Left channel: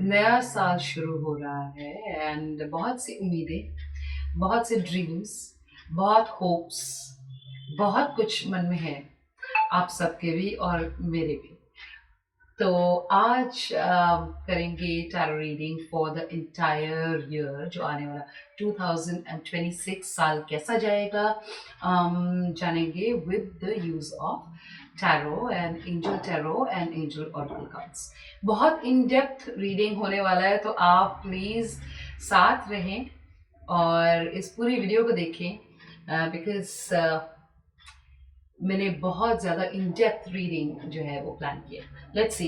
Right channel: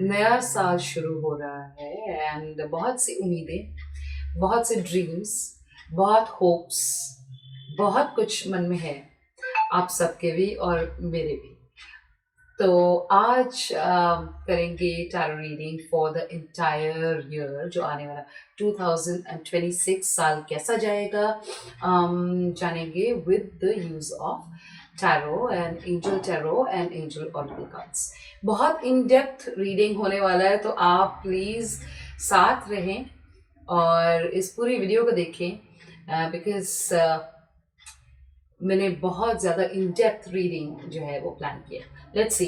नया साल शुरू हो रहा है एंड बहुत सी उम्मीदें, बहुत से ड्रीम्स, बहुत होप्स, बहुत कुछ मन में है, आप सबके भी और मेरे भी। तो आज करेंगे tarot reading for the entire year जो आने वाला 2026 साल कैसा जाएगा, जानेंगे with the use of tarot and angel oracle cards. बहुत इन डेप्थ रीडिंग होने वाला है, तो आप प्लीज़ साथ रहें और इस पूरी वीडियो को देखें बिकॉज मैंने बहुत ज़्यादा इन डेप्थ रीडिंग जो है वो प्लान किया। Let's see.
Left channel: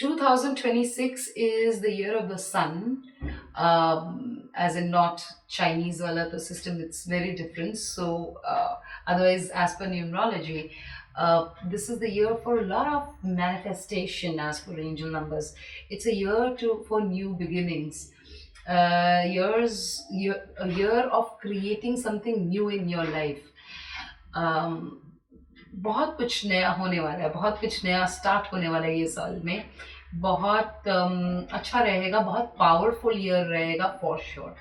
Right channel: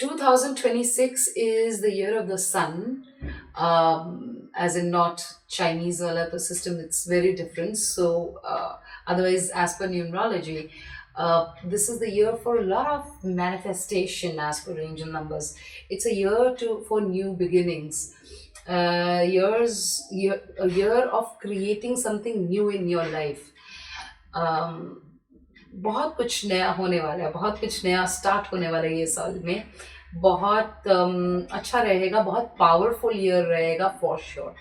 2026 is the year of the sun, as in not Chinese wala to system, it's very different. So otherwise, as per numerology, this is the year for a lot of manifestation as per angel numbers. It's a year for new beginnings. A year of creating something new in your life. बहुत कुछ नया होने वाला है, बहुत कुछ नया स्टार्ट होने वाला है ये साल में। बहुत अच्छा रहेगा, बहुत पावरफुल ईयर रहेगा फॉर श्योर।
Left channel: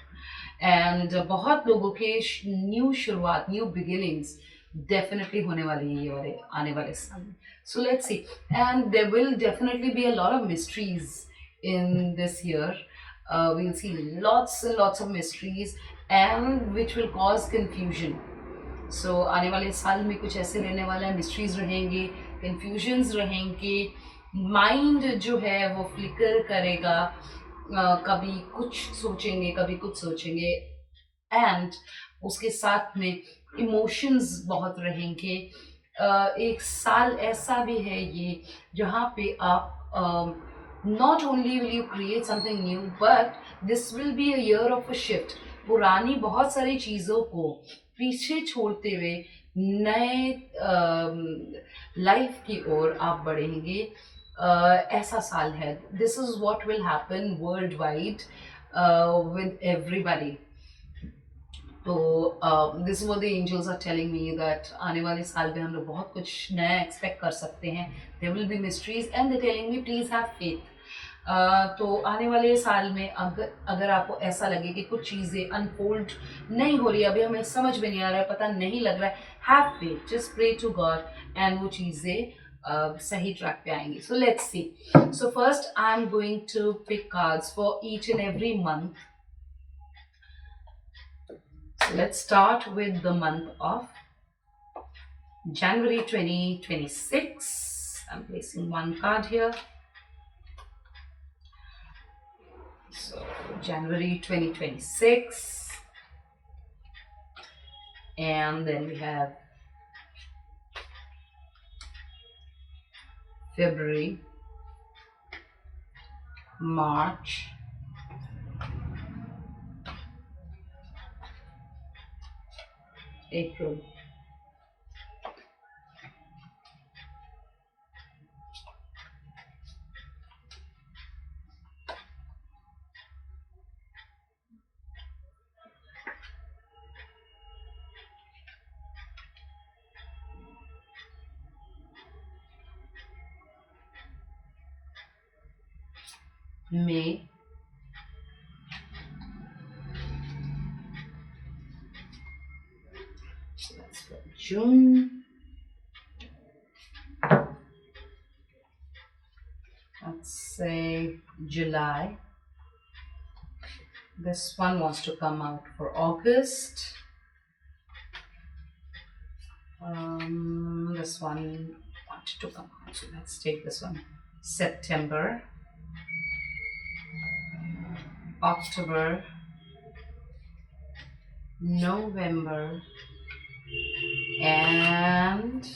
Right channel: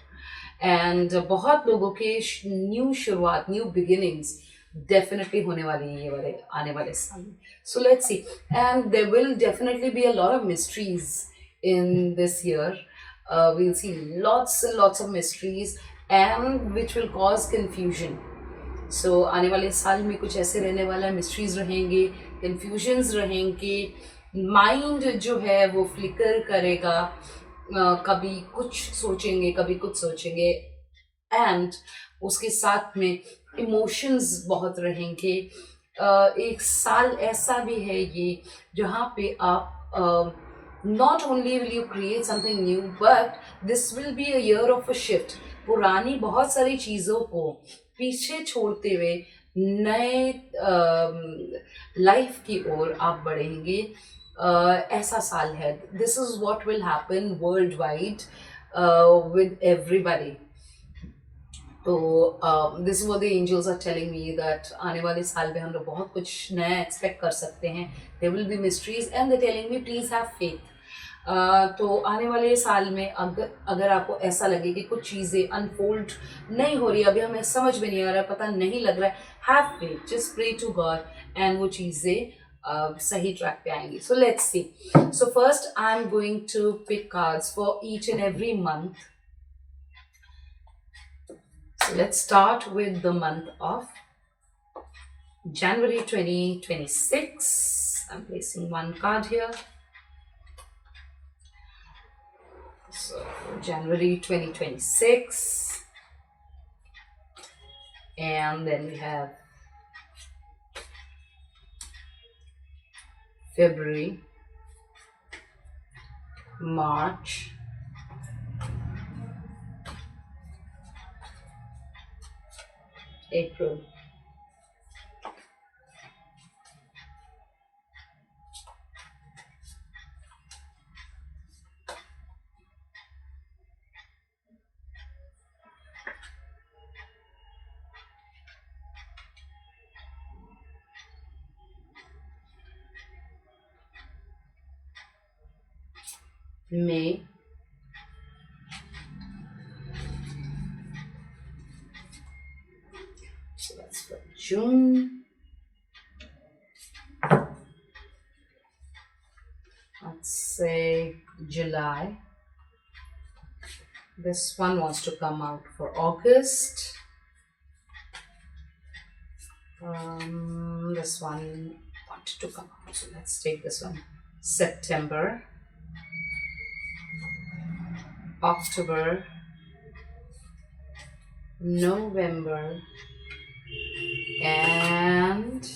एंड बहुत लोगों के न्यू शुरुआत, न्यू बिगिनिंग्स डेफिनेटली होने वाली है ये वाले आने वाले साल में। So let's see. And there will definitely be a lot of mysteries in this year. We'll see lots and lots of mysteries and which will cause confusion. सो आने वाले साल में कुछ ऐसे रहने वाला है, मिस्ट्रीज रहेंगे, कन्फ्यूजन्स रहेंगे, माइंड जो है वो फ्लिकर करेगा, कभी कुछ सोचेंगे, कभी कुछ सोचेंगे, एंड उसके साथ में इमोशंस बहुत रहेंगे। एक साल ऐसा भी है ये जहाँ पे आप not only will you create something new but this will be a year of a shift. पुरानी बहुत सारी चीज़ों को पीछे छोड़ते हुए नए लाइफ की ओर आप बढ़ेंगे। ऐसा साल है। This is what will happen world wide with everybody. तो this what the angels are telling me that आने वाले साल में हम लोग बहुत कुछ नया एक्सपेक्ट कर सकते हैं। There will be mysteries and they telling me please have faith. तो आने वाले साल में अगर आपको ऐसा लगे कि कुछ चीज़ें अनफोल्ड नहीं हो रही, अभी हमें समझ में नहीं आ रहा है, पता नहीं लग रहा है, have faith, just pray to God and वो चीज़ें सही ट्रैक पे आएंगी। So let's see. So first I am going to pick cards for each and every month. So let's start with the month of January 2026. I'm placing one card here. So January 2026. And then we have February, March, April, May, so that's for June, let's say July. This one wants to come out for August. This one wanted to come out, so let's take this one. September, October, November, and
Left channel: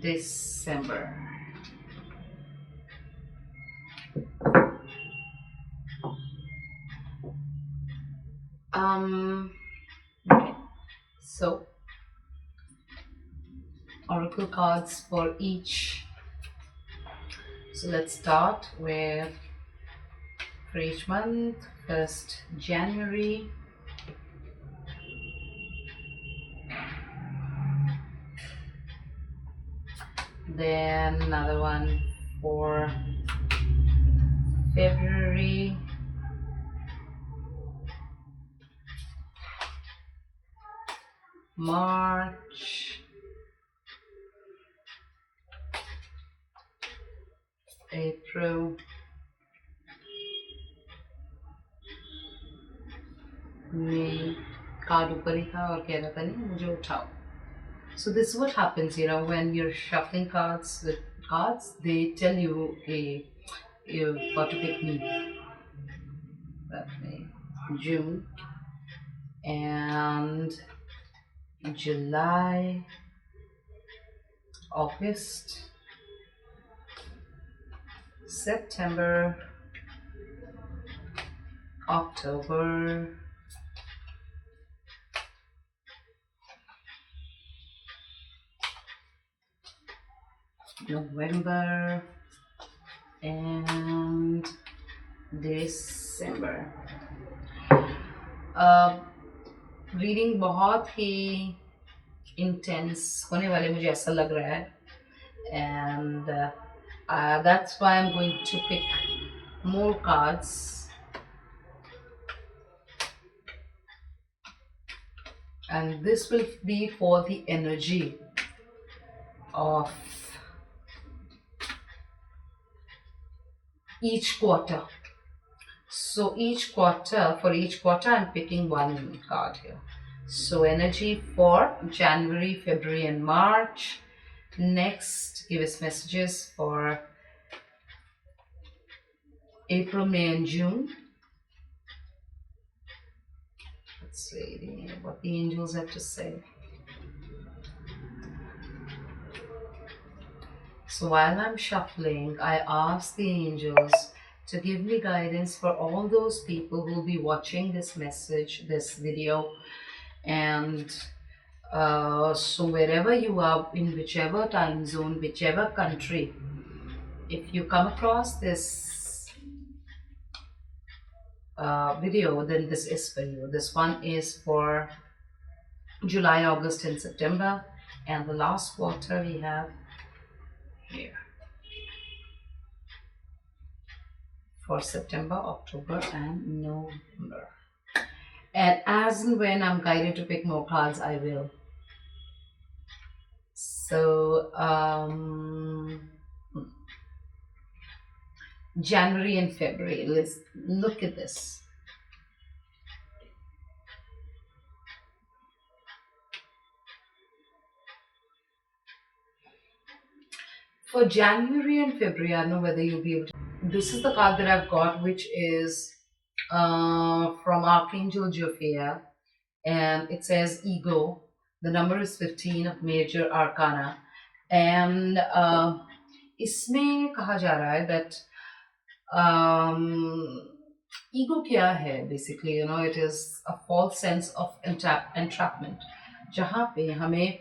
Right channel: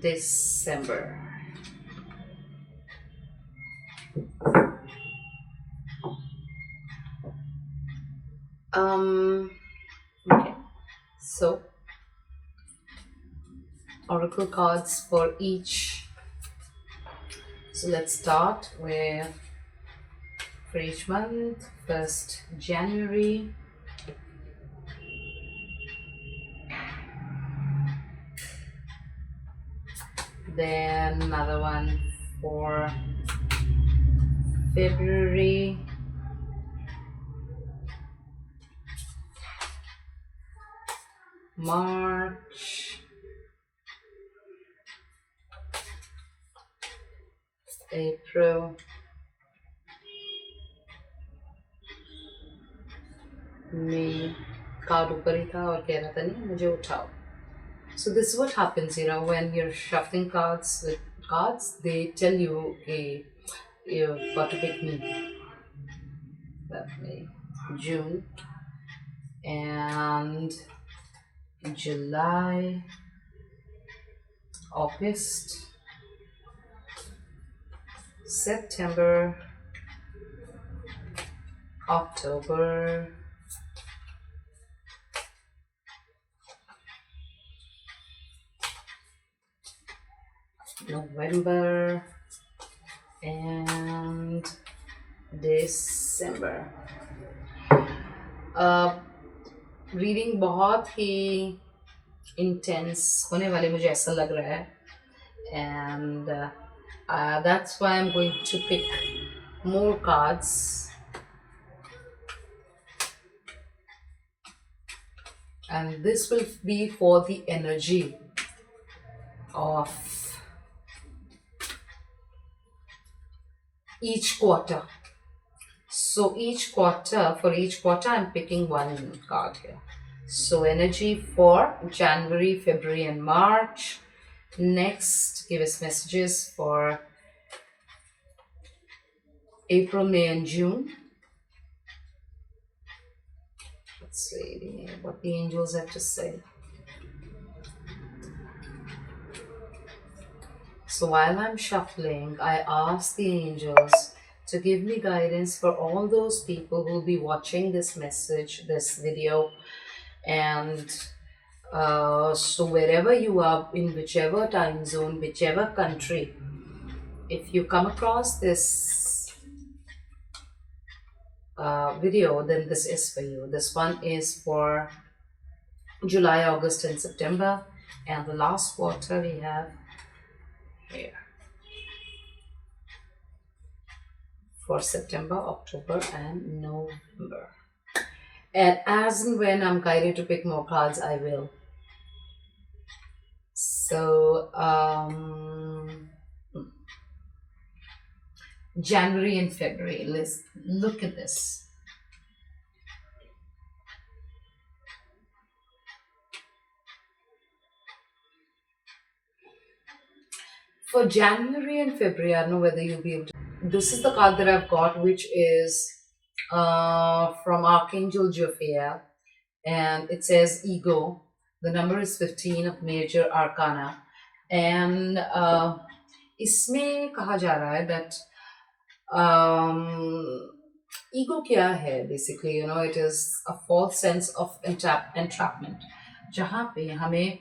December. Okay, so oracle cards for each. So let's start with for each month. First, January. then another one for February, March, April, May. Card ऊपर ही था और कह रहा था नहीं मुझे उठाओ. So this is what happens, when you're shuffling cards with cards, they tell you, okay, you've got to pick me. That May, June, and July, August, September, October, November, and December. Reading बहुत ही इंटेंस होने वाले मुझे ऐसा लग रहा है, and that's why I'm going to pick more cards. And this will be for the energy of each quarter. So for each quarter I'm picking one card here. So energy for January, February and March. Next, give us messages for April, May and June. Let's see what the angels have to say. So while I'm shuffling, I ask the angels to give me guidance for all those people who will be watching this message, this video. And so wherever you are, in whichever time zone, whichever country, if you come across this video, then this is for you. This one is for July, August and September, and the last quarter we have here for September, October and November. And as and when I'm guided to pick more cards, I will. So January and February, let's look at this. For January and February, I don't know whether you'll be able to. This is the card that I've got, which is from Archangel Jophiel, and it says Ego. The number is 15 of Major Arcana, and इसमें कहा जा रहा है that ego क्या है basically, it is a false sense of entrapment, जहाँ पे हमें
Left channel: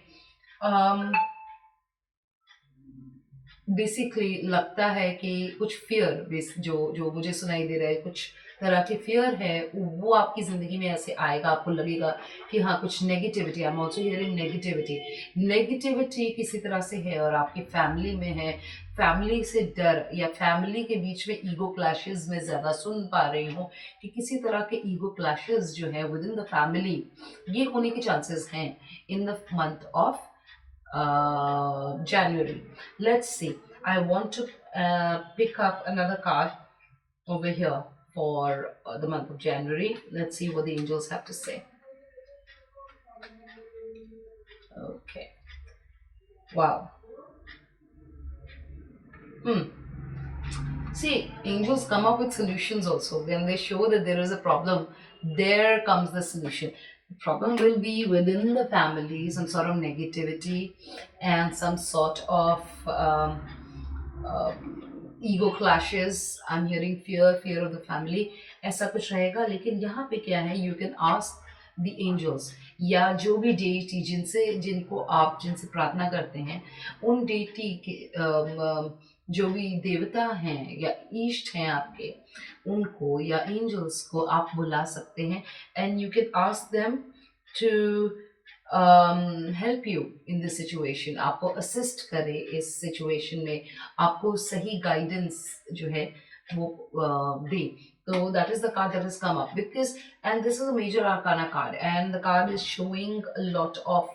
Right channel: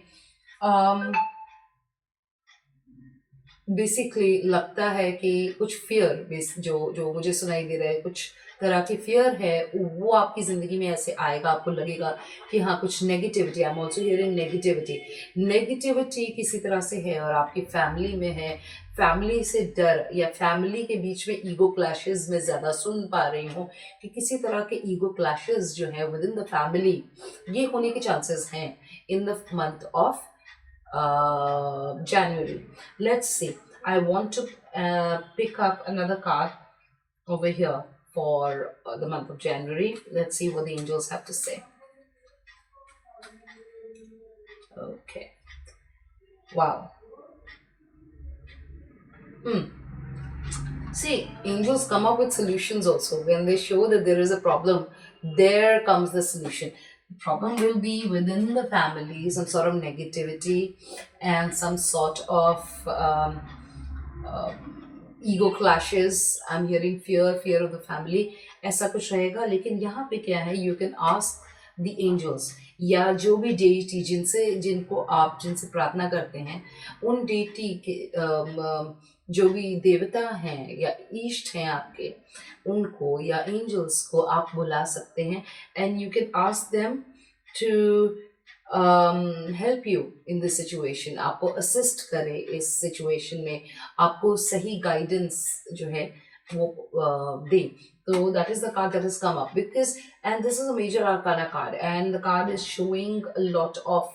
बेसिकली लगता है कि कुछ फियर जो मुझे सुनाई दे रहा है, कुछ तरह की फियर है, वो आपकी ज़िंदगी में ऐसे आएगा, आपको लगेगा कि हाँ कुछ negativity, I am also hearing negativity किसी तरह से है और आपकी फैमिली में है, फैमिली से डर या फैमिली के बीच में ईगो क्लैशेस में ज़्यादा सुन पा रही हूँ कि किसी तरह के ईगो क्लैशेस जो है विद इन द फैमिली, ये होने के चांसेस हैं in the month of January. Let's see. I want to pick up another card over here for the month of January. Let's see what the angels have to say. Okay. Wow. See, angels come up with solutions also. When they show that there is a problem, there comes the solution. The problem will be within the family, some sort of negativity and some sort of ego clashes. I'm hearing fear of the family. ऐसा कुछ रहेगा, लेकिन यहाँ पे क्या है, you can ask the angels या जो भी deity जिनसे प्रार्थना करते हैं, उन deity के जो भी देवता हैं या इष्ट हैं आपके, उनको या एंजल्स को आप बुला सकते हैं, and you can ask them to help you in this situation, आपको असिस्ट करे इस सिचुएशन में, आपको सही गाइडेंस जो है वो दे. So that is the card that has come up because, and this is a major arcana card, and the card is showing a lot of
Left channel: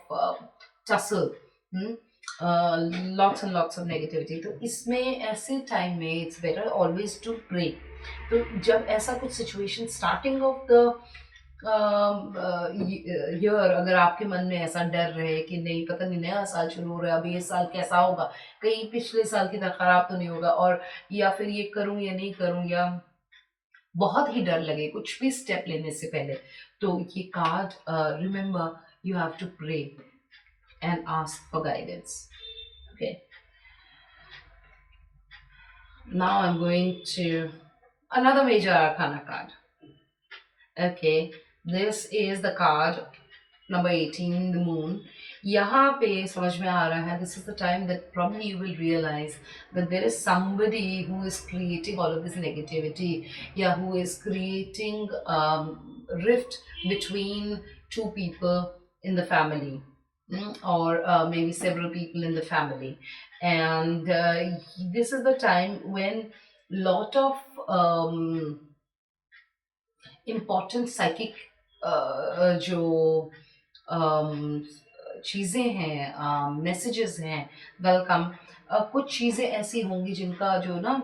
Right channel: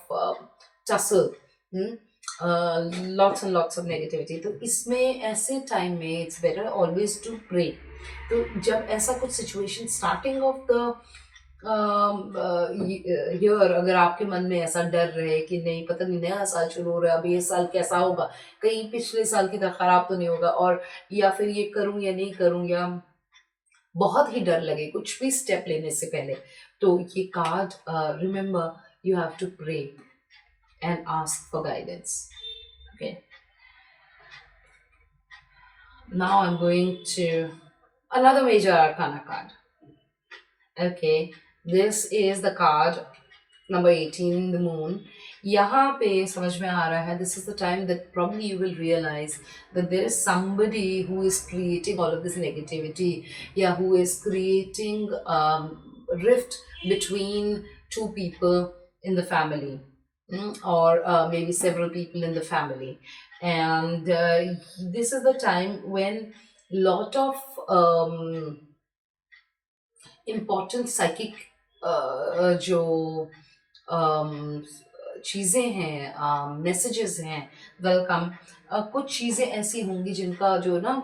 tussle, hmm? Lots and lots of negativity. तो इसमें ऐसे टाइम में it's better always to pray. तो जब ऐसा कुछ situation starting of the year, अगर आपके मन में ऐसा डर रहे कि नहीं पता नहीं नया साल शुरू हो रहा है, अभी ये साल कैसा होगा, कहीं पिछले साल की तरह खराब तो नहीं होगा, और या फिर ये करूं या नहीं करूं, या बहुत ही डर लगे कुछ भी स्टेप लेने से पहले, तो ये card, remember you have to pray and ask for guidance. Okay, now I am going to another major arcana card. Okay, this is the card number 18, the moon. यहाँ पे समझ में आ रहा है, this is the time that probably you will realize that there is somebody who is creating all of this negativity, yeah, who is creating rift between two people in the family, or maybe several people in the family, and this is the time when lot of important psychic जो चीज़ें हैं, मैसेजेस हैं, वेलकम, कुछ चीज़ें ऐसी होंगी जिनका जो ना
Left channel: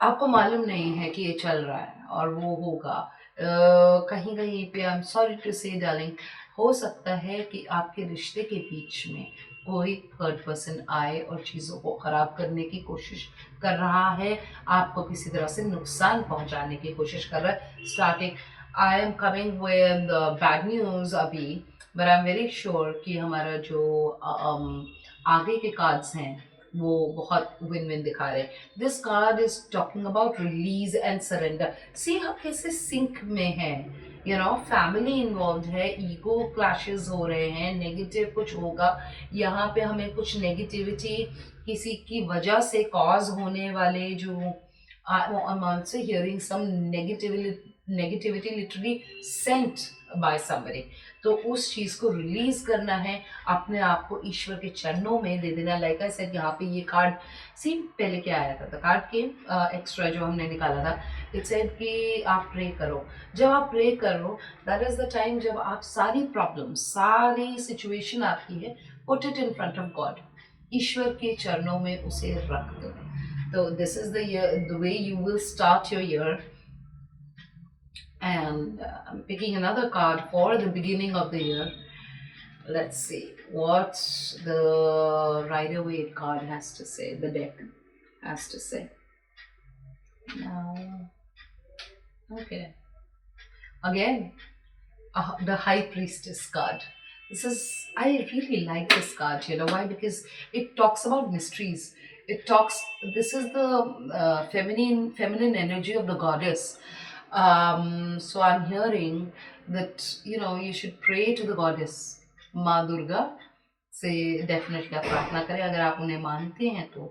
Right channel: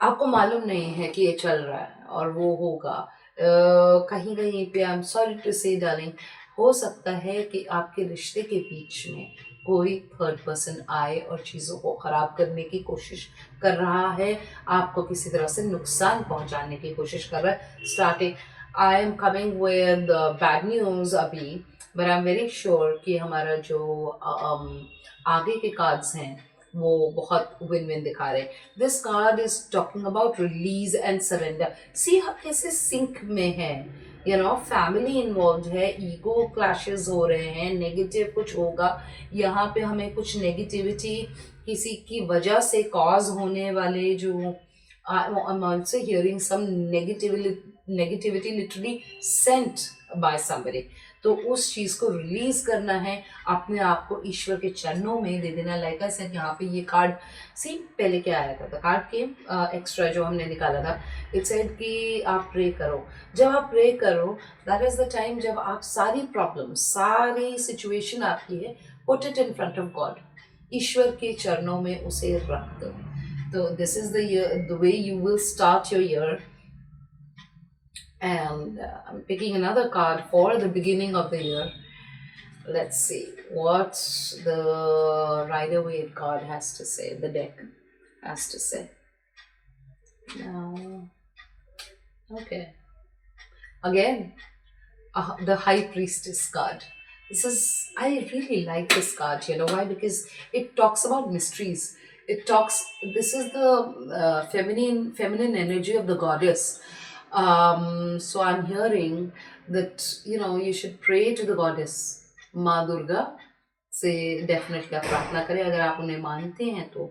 आपको मालूम नहीं है कि ये चल रहा है और वो होगा. कहीं कहीं पे, आई एम सॉरी टू से डार्लिंग, हो सकता है कि आपके रिश्ते के बीच में कोई थर्ड पर्सन आए और चीज़ों को ख़राब करने की कोशिश कर रहा है, आपको किसी तरह से नुकसान पहुंचाने की कोशिश कर रहा है. Starting, I am coming with bad news अभी, but I am very sure कि हमारा जो आगे के कार्ड्स हैं वो बहुत विन विन दिखा रहे हैं. This card is talking about release and surrender. See हम कैसे सिंक में है, यू नो, फैमिली इन्वॉल्व है, ईगो क्लैशेस हो रहे हैं, नेगेटिव कुछ होगा यहाँ पे, हमें कुछ नेगेटिविटी किसी की वजह से कॉज होने वाले जो, I'm also hearing some negativity literally sent by somebody. तो उस चीज़ को रिलीज करना है, अपने आप को ईश्वर के चरणों में दे देना. लाइक आई सेड, यहाँ पे ये कार्ड सी पहले क्या आया था, कार्ड के एक्स्ट्रा जो हमने निकाला था, इट सेड कि आप प्रे करो. जब आप प्रे करो, दैट इज द टाइम जब आप सारी प्रॉब्लम, सारी सिचुएशन आपकी है, put it in front of God, ईश्वर के चरणों में उसे रख दो. तो this is the way you will start your year. And I'm picking another card for the beginning of the year. Let's see what the Rider-Waite card has to say, the deck has to say. Now, okay. Again, the High Priestess card. I really like this card, you know why? Because it talks about mysteries. This is the feminine energy of the goddess. So I'm hearing that, you know, you should pray to the goddess माँ दुर्गा से डेफिनेटली आप प्रार्थना करें, अगर आप उन्हें मानते हैं तो.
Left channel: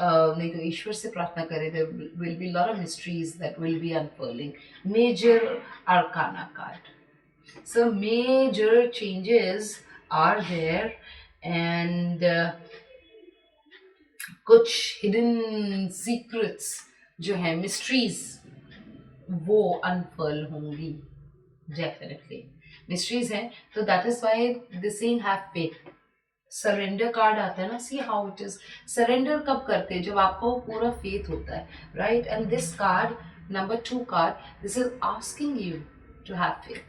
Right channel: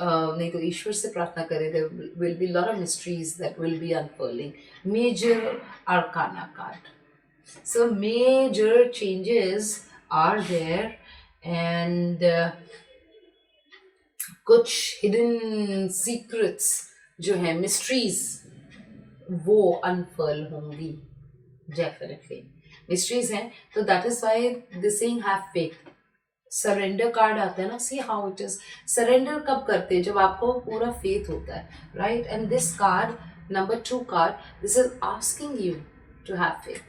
नहीं तो ईश्वर से प्रार्थना करें. there will be a lot of mysteries that will be unfurling. Major arcana card. So major changes are there, and कुछ hidden secrets जो है, mysteries, वो अनफर्ल होंगी. डेफिनेटली मिस्ट्रीज हैं, तो that is why this saying have faith. Surrender card आता है ना, see how it is. Surrender कब करते हैं, जब आपको पूरा फेथ होता है, right. And this card number 2 card, this is asking you to have faith.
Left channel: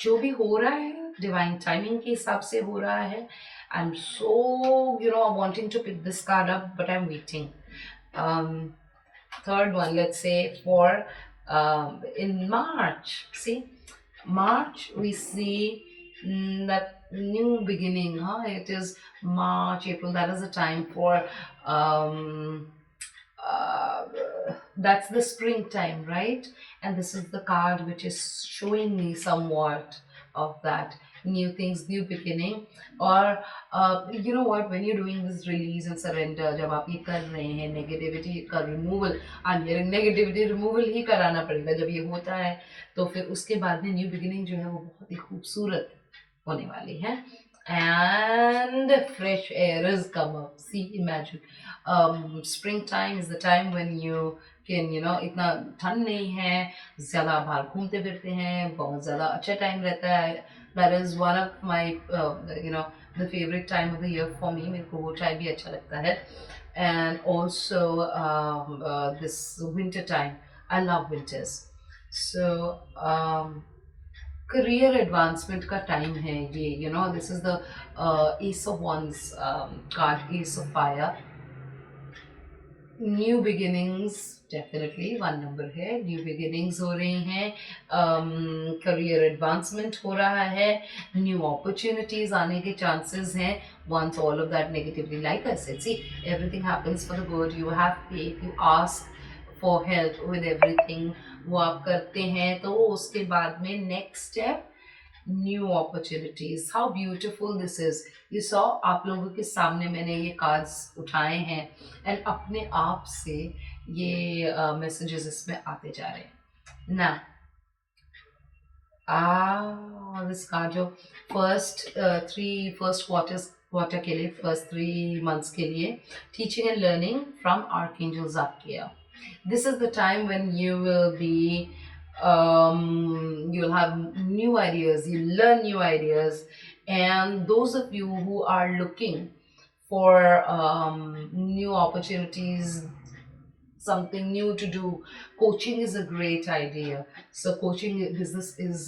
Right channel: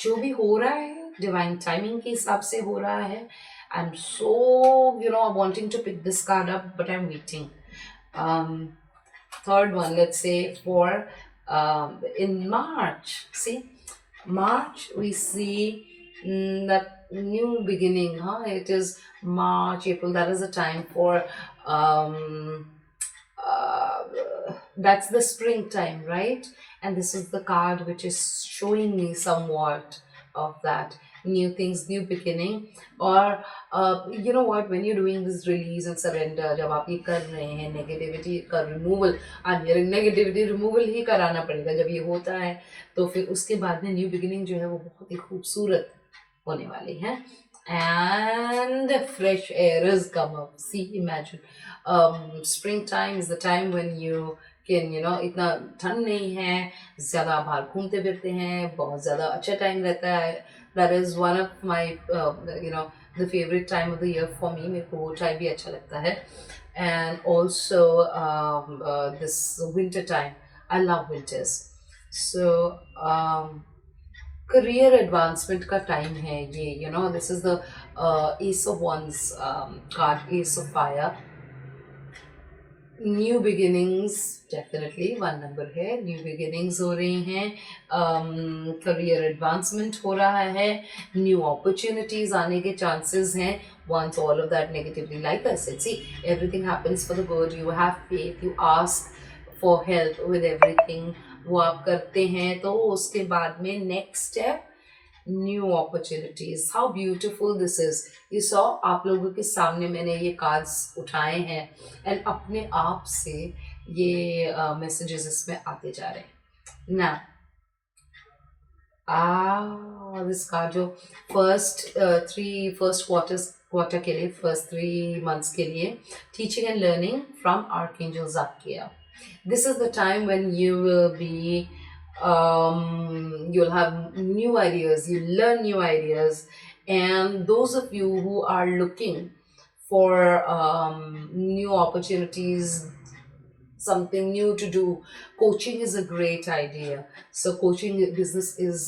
जो भी हो रहा है डिवाइन टाइमिंग के हिसाब से हो रहा है. I am so, you know, wanting to pick this card up, but I am waiting. Third one, let's say for in March. See, March we see that new beginning, huh? It is March, April, that is the time for that's the springtime, right? And this is the card which is showing me somewhat of that. New things, new beginning. Or you know what, when you're doing this release and surrender, जब आप ये कर रहे हैं, नेगेटिविटी का removal, negativity removal ही कराना पड़ेगा. जब ये होता है तो फिर उसके बाद में न्यू बिगिनिंग जो है वो बहुत ही खूबसूरत होने वाली है. And fresh air is come up. See, imagine, springtime is the time when you can, इतना ठंड नहीं है, ज़्यादा बाहर घूमते फिरते हैं, बहुत ज़्यादा अच्छा टाइम रहता है. That is one of my, the favorite time of the year for me. मेरे को वो टाइम भी अच्छा लगता है. And also this winter time. I love winters. So career advancement का time है ये. This is the Ace of Wands card, Ace of Fire. New beginnings definitely one number है. न्यू बिगिनिंग्स हो रही हैं, करियर एडवांसमेंट हो रहा है, न्यू अपॉर्चुनिटीज आने के चांसेस हैं. Once all of that negatively, like I said, see everything happens for the good. You have faith, you ask for help with everything. वो आप करते हैं तो उसके बाद में next step, new opportunities. How beautiful this is. You saw, आप लोगों के सामने मैंने ये कार्ड्स उठाए हैं एंड अपने आप से ये मैसेजेस इसमें आते जा रहे हैं ना. दिस कार्ड जो फर्स्ट क्वार्टर के लिए, फर्स्ट 3 months के लिए, teaching and learning from archangel Zakia. This is the time when you will be, you'll have new ideas, you learn new ideas. And those of you who are looking for new opportunities, something new to do, coaching is a great idea. So coaching business is,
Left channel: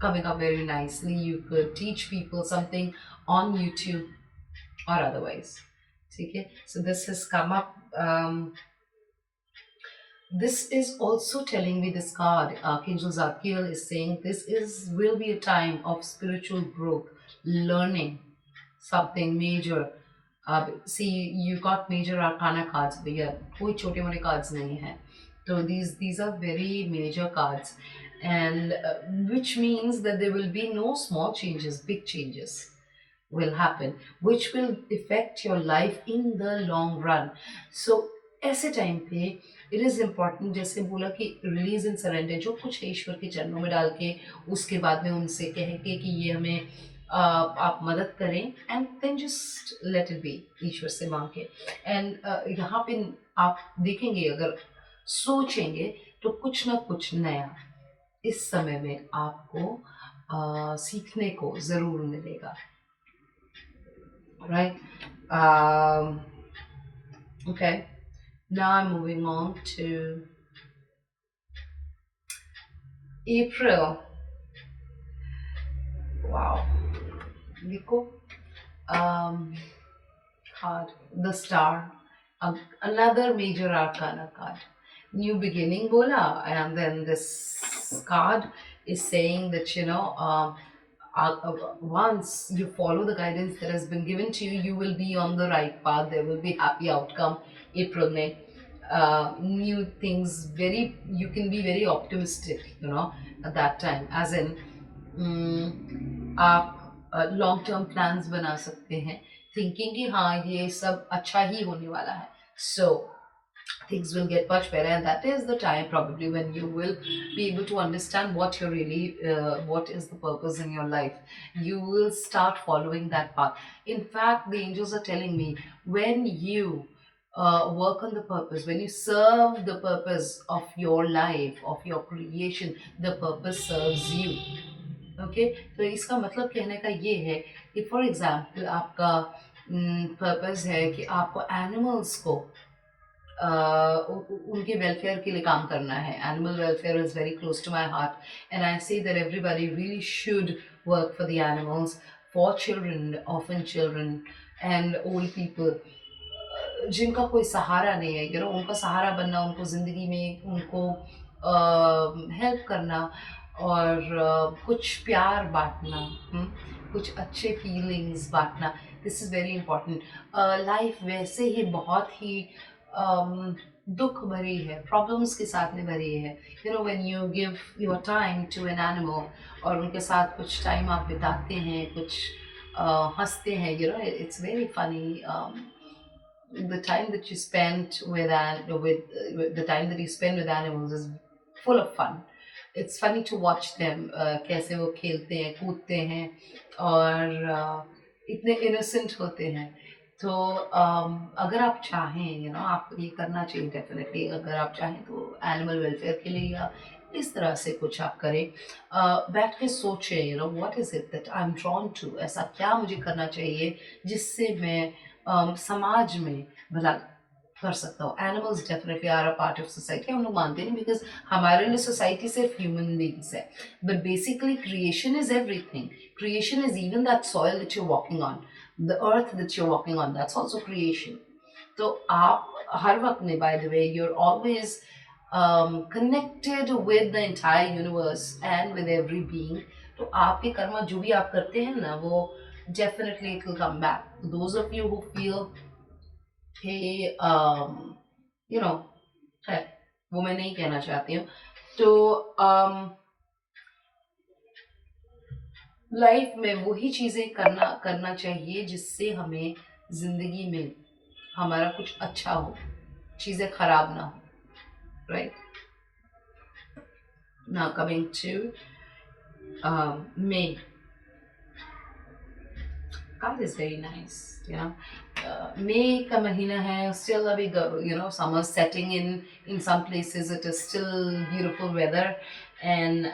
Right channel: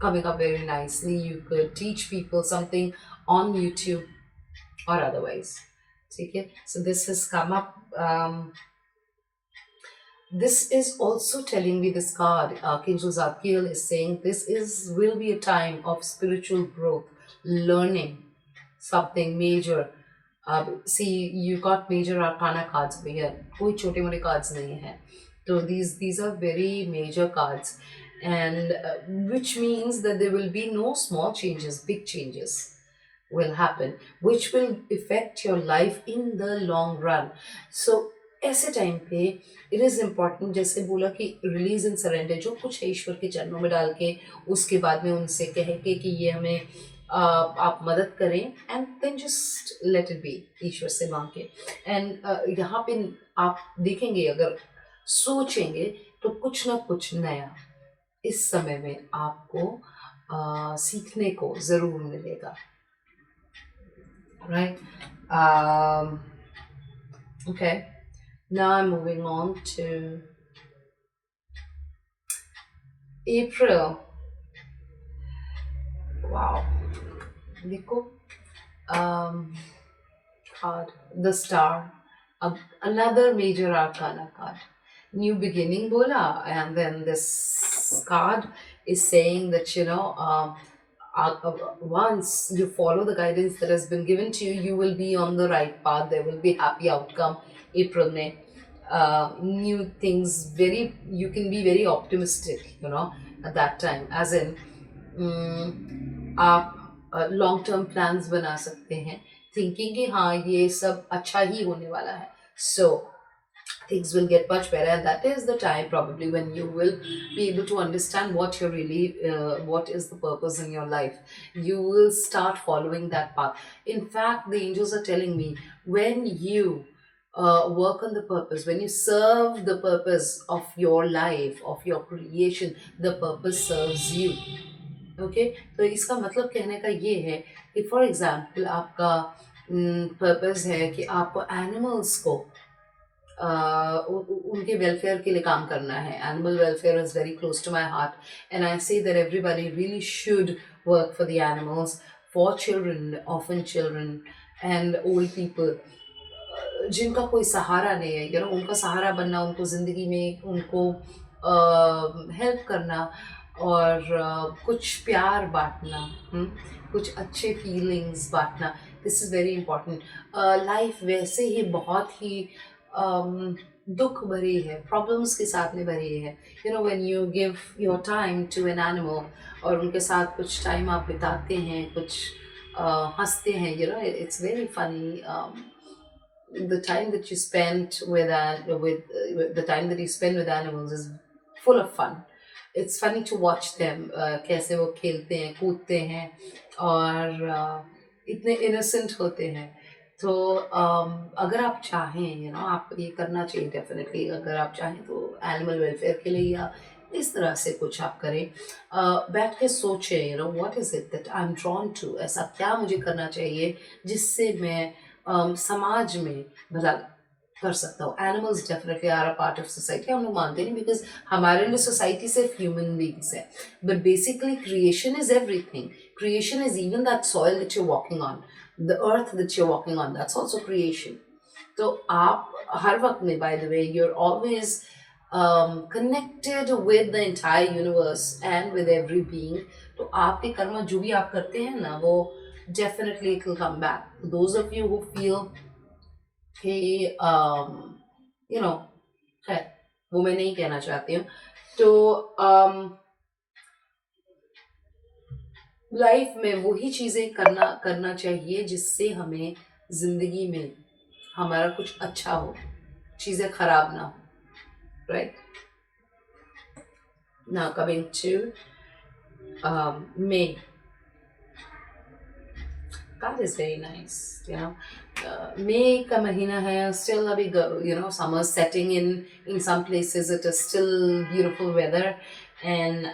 coming up very nicely. You could teach people something on YouTube or otherwise. Okay, so this has come up. This is also telling me, this card, Archangel Zadkiel is saying this will be a time of spiritual growth, learning something major. See, you got major arcana cards भैया, कोई छोटे मोटे cards नहीं है. So these are very major cards, and which means that there will be no small changes, big changes will happen, which will affect your life in the long run. So ऐसे टाइम पे it is important, जैसे बोला कि release and surrender, जो कुछ है ईश्वर के चरणों में डाल के, उसके बाद में उनसे कह के कि ये हमें आप मदद करें, and then just let it be, ईश्वर से मांग के. एंड यहाँ पे आप देखेंगे, अगर सोचेंगे तो कुछ ना कुछ नया इस समय में आपको सीखने को ज़रूर मिलेगा. Right? Okay. Now I'm moving on to April. Wow. देखो, card, the Star, another major arcana card. New beginning bola, and then this card is saying that once you follow the guidance that has been given to you, you will be on the right path. There will be happy outcome. April में new things, you can be very optimistic, at that time. As in, आप long term plans बना सकते हैं, thinking कि हाँ ये सब अच्छा ही होने वाला है. So things will get much better, and that is the time probably when you will be able to understand what you're really, what is the purpose in your life. You will start following that path. In fact, the angels are telling me, when you work on the purpose, when you serve the purpose of your life, of your creation, the purpose serves you. Okay, तो इसका मतलब कहने का ये है कि for example आपका पर्पस है कि आपको एनिमल्स को उनके वेलफेयर के लिए काम करना है. Animal welfare is very close to my heart, and I say that everybody really should work for the animals, for children, orphan children and old people जिनका कोई सहारा नहीं है. उनका सहारा बनना, उनको ज़िंदगी में उनको हेल्प करना, और कुछ प्यार बांटना, कुछ अच्छे फीलिंग्स बांटना. This is very important. Life वैसे ही बहुत ही दुख भरी है, प्रॉब्लम्स के साथ में भरी है. When you give your time to an animal, और उनके साथ कुछ टाइम आप बिताते हैं, कुछ हंसते हैं, it's very funny. The time that you spend with the time that you spend with animals is full of fun. It's funny to watch them, कैसे वो खेलते हैं कूदते हैं और इतने इनोसेंट होते हैं। तो अगर आप चाहें आप ये करना चाहिए डेफिनेटली, अगर आप चाहें तो एनिमल वेलफेयर के लिए या इस तरह से कुछ आप करें। बैठ के सोचें, what is it that I am drawn to, ऐसा क्या मुझे करना चाहिए जिससे मैं समाज में भला कर सकता हूँ। Animals definitely are a part of society, हम लोग मानते नहीं बिकॉज हमारे लिए सोसाइटी सिर्फ ह्यूमन बींग्स है, but basically creation is everything. Creation is even that soil that you walking on, the earth that you walking on, that's also creation. तो आप हर वक्त में, by the way, you are always connected with the entire universe and with every being। तो आपके कर्म जो भी आप करते हैं ना, वो definitely it will come back. Those of you who feel कि यू नो खैर वो मैं नहीं कहना चाहती हूँ। तो लाइफ में वही चीज़ें करना करना चाहिए जिससे हमें ज़िंदगी में हमारा कुछ अच्छा हो, चीज़ें खराब ना हो, right. Now coming to May, God is very nice। May का महीना है, still अभी summer setting in some places, it is still beautiful weather, and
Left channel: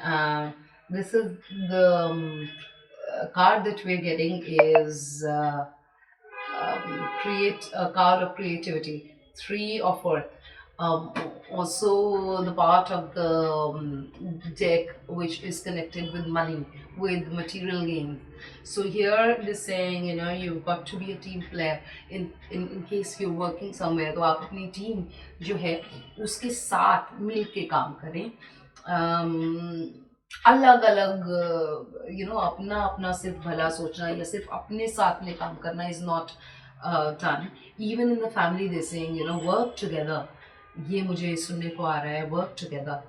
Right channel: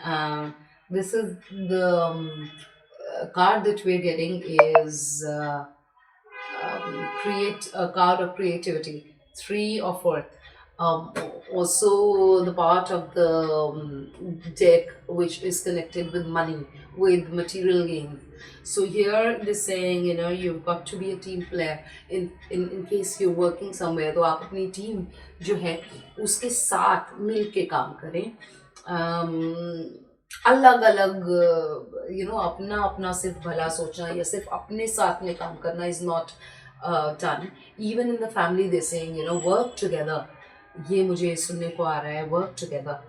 this is the card that we're getting is create a card of creativity, three of earth. Um, Also the part of the deck which is connected with money, with material gain. So here it is saying, you've got to be a team player. In case you're working somewhere, तो आप अपनी टीम जो है उसके साथ मिल के काम करें। अलग अलग अपना अपना सिर्फ भला सोचना या सिर्फ अपने साथ में काम करना is not done. Even in the family they saying work together, ये मुझे सुनने को आ रहा है, work together.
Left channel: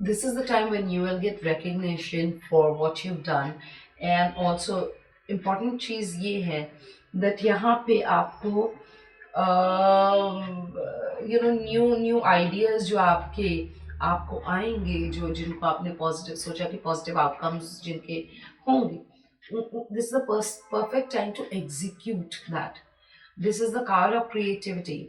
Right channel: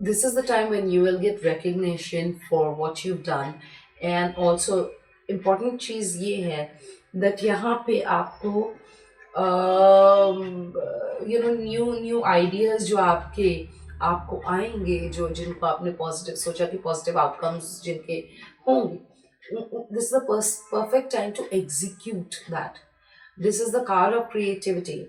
This is the time when you will get recognition for what you've done, and also important चीज़ ये है that यहाँ पे आपको न्यू न्यू आइडियाज जो आपको आएंगे, जो जिनको आपने पॉजिटिव सोचा कि पॉजिटिव आउटकम्स जिनके होंगे, this is the perfect time to execute that. This is the card of creativity,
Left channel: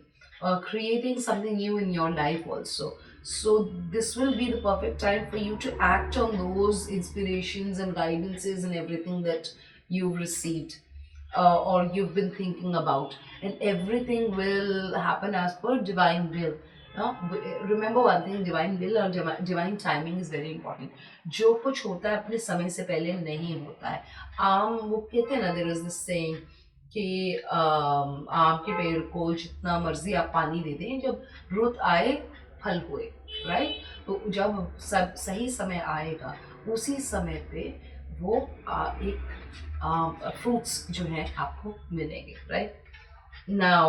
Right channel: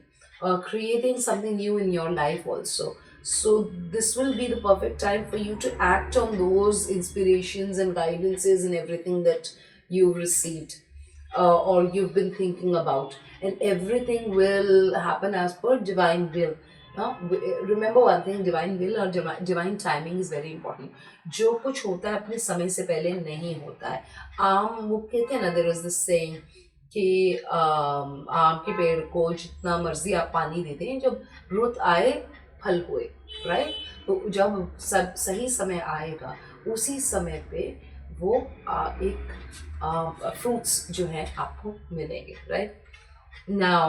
creating something new in your life also. So this will be the perfect time for you to act on those inspirations and guidances and everything that you've received, or you've been thinking about, and everything will happen as per divine will. Remember one thing, divine will or divine timing is very important. जो कुछ होता है अपने समय से पहले नहीं होता है। वो कहते हैं ना, देयर इज दिस सेइंग कि आम के पेड़ को जितना मर्जी आप पानी दे दें, जब रुत आए फल हुए, राइट। तो जब सब सही समय आएगा, उसी समय पे वो एक फ्रूट्स जो हैं आपको मिलेंगे, right. Now,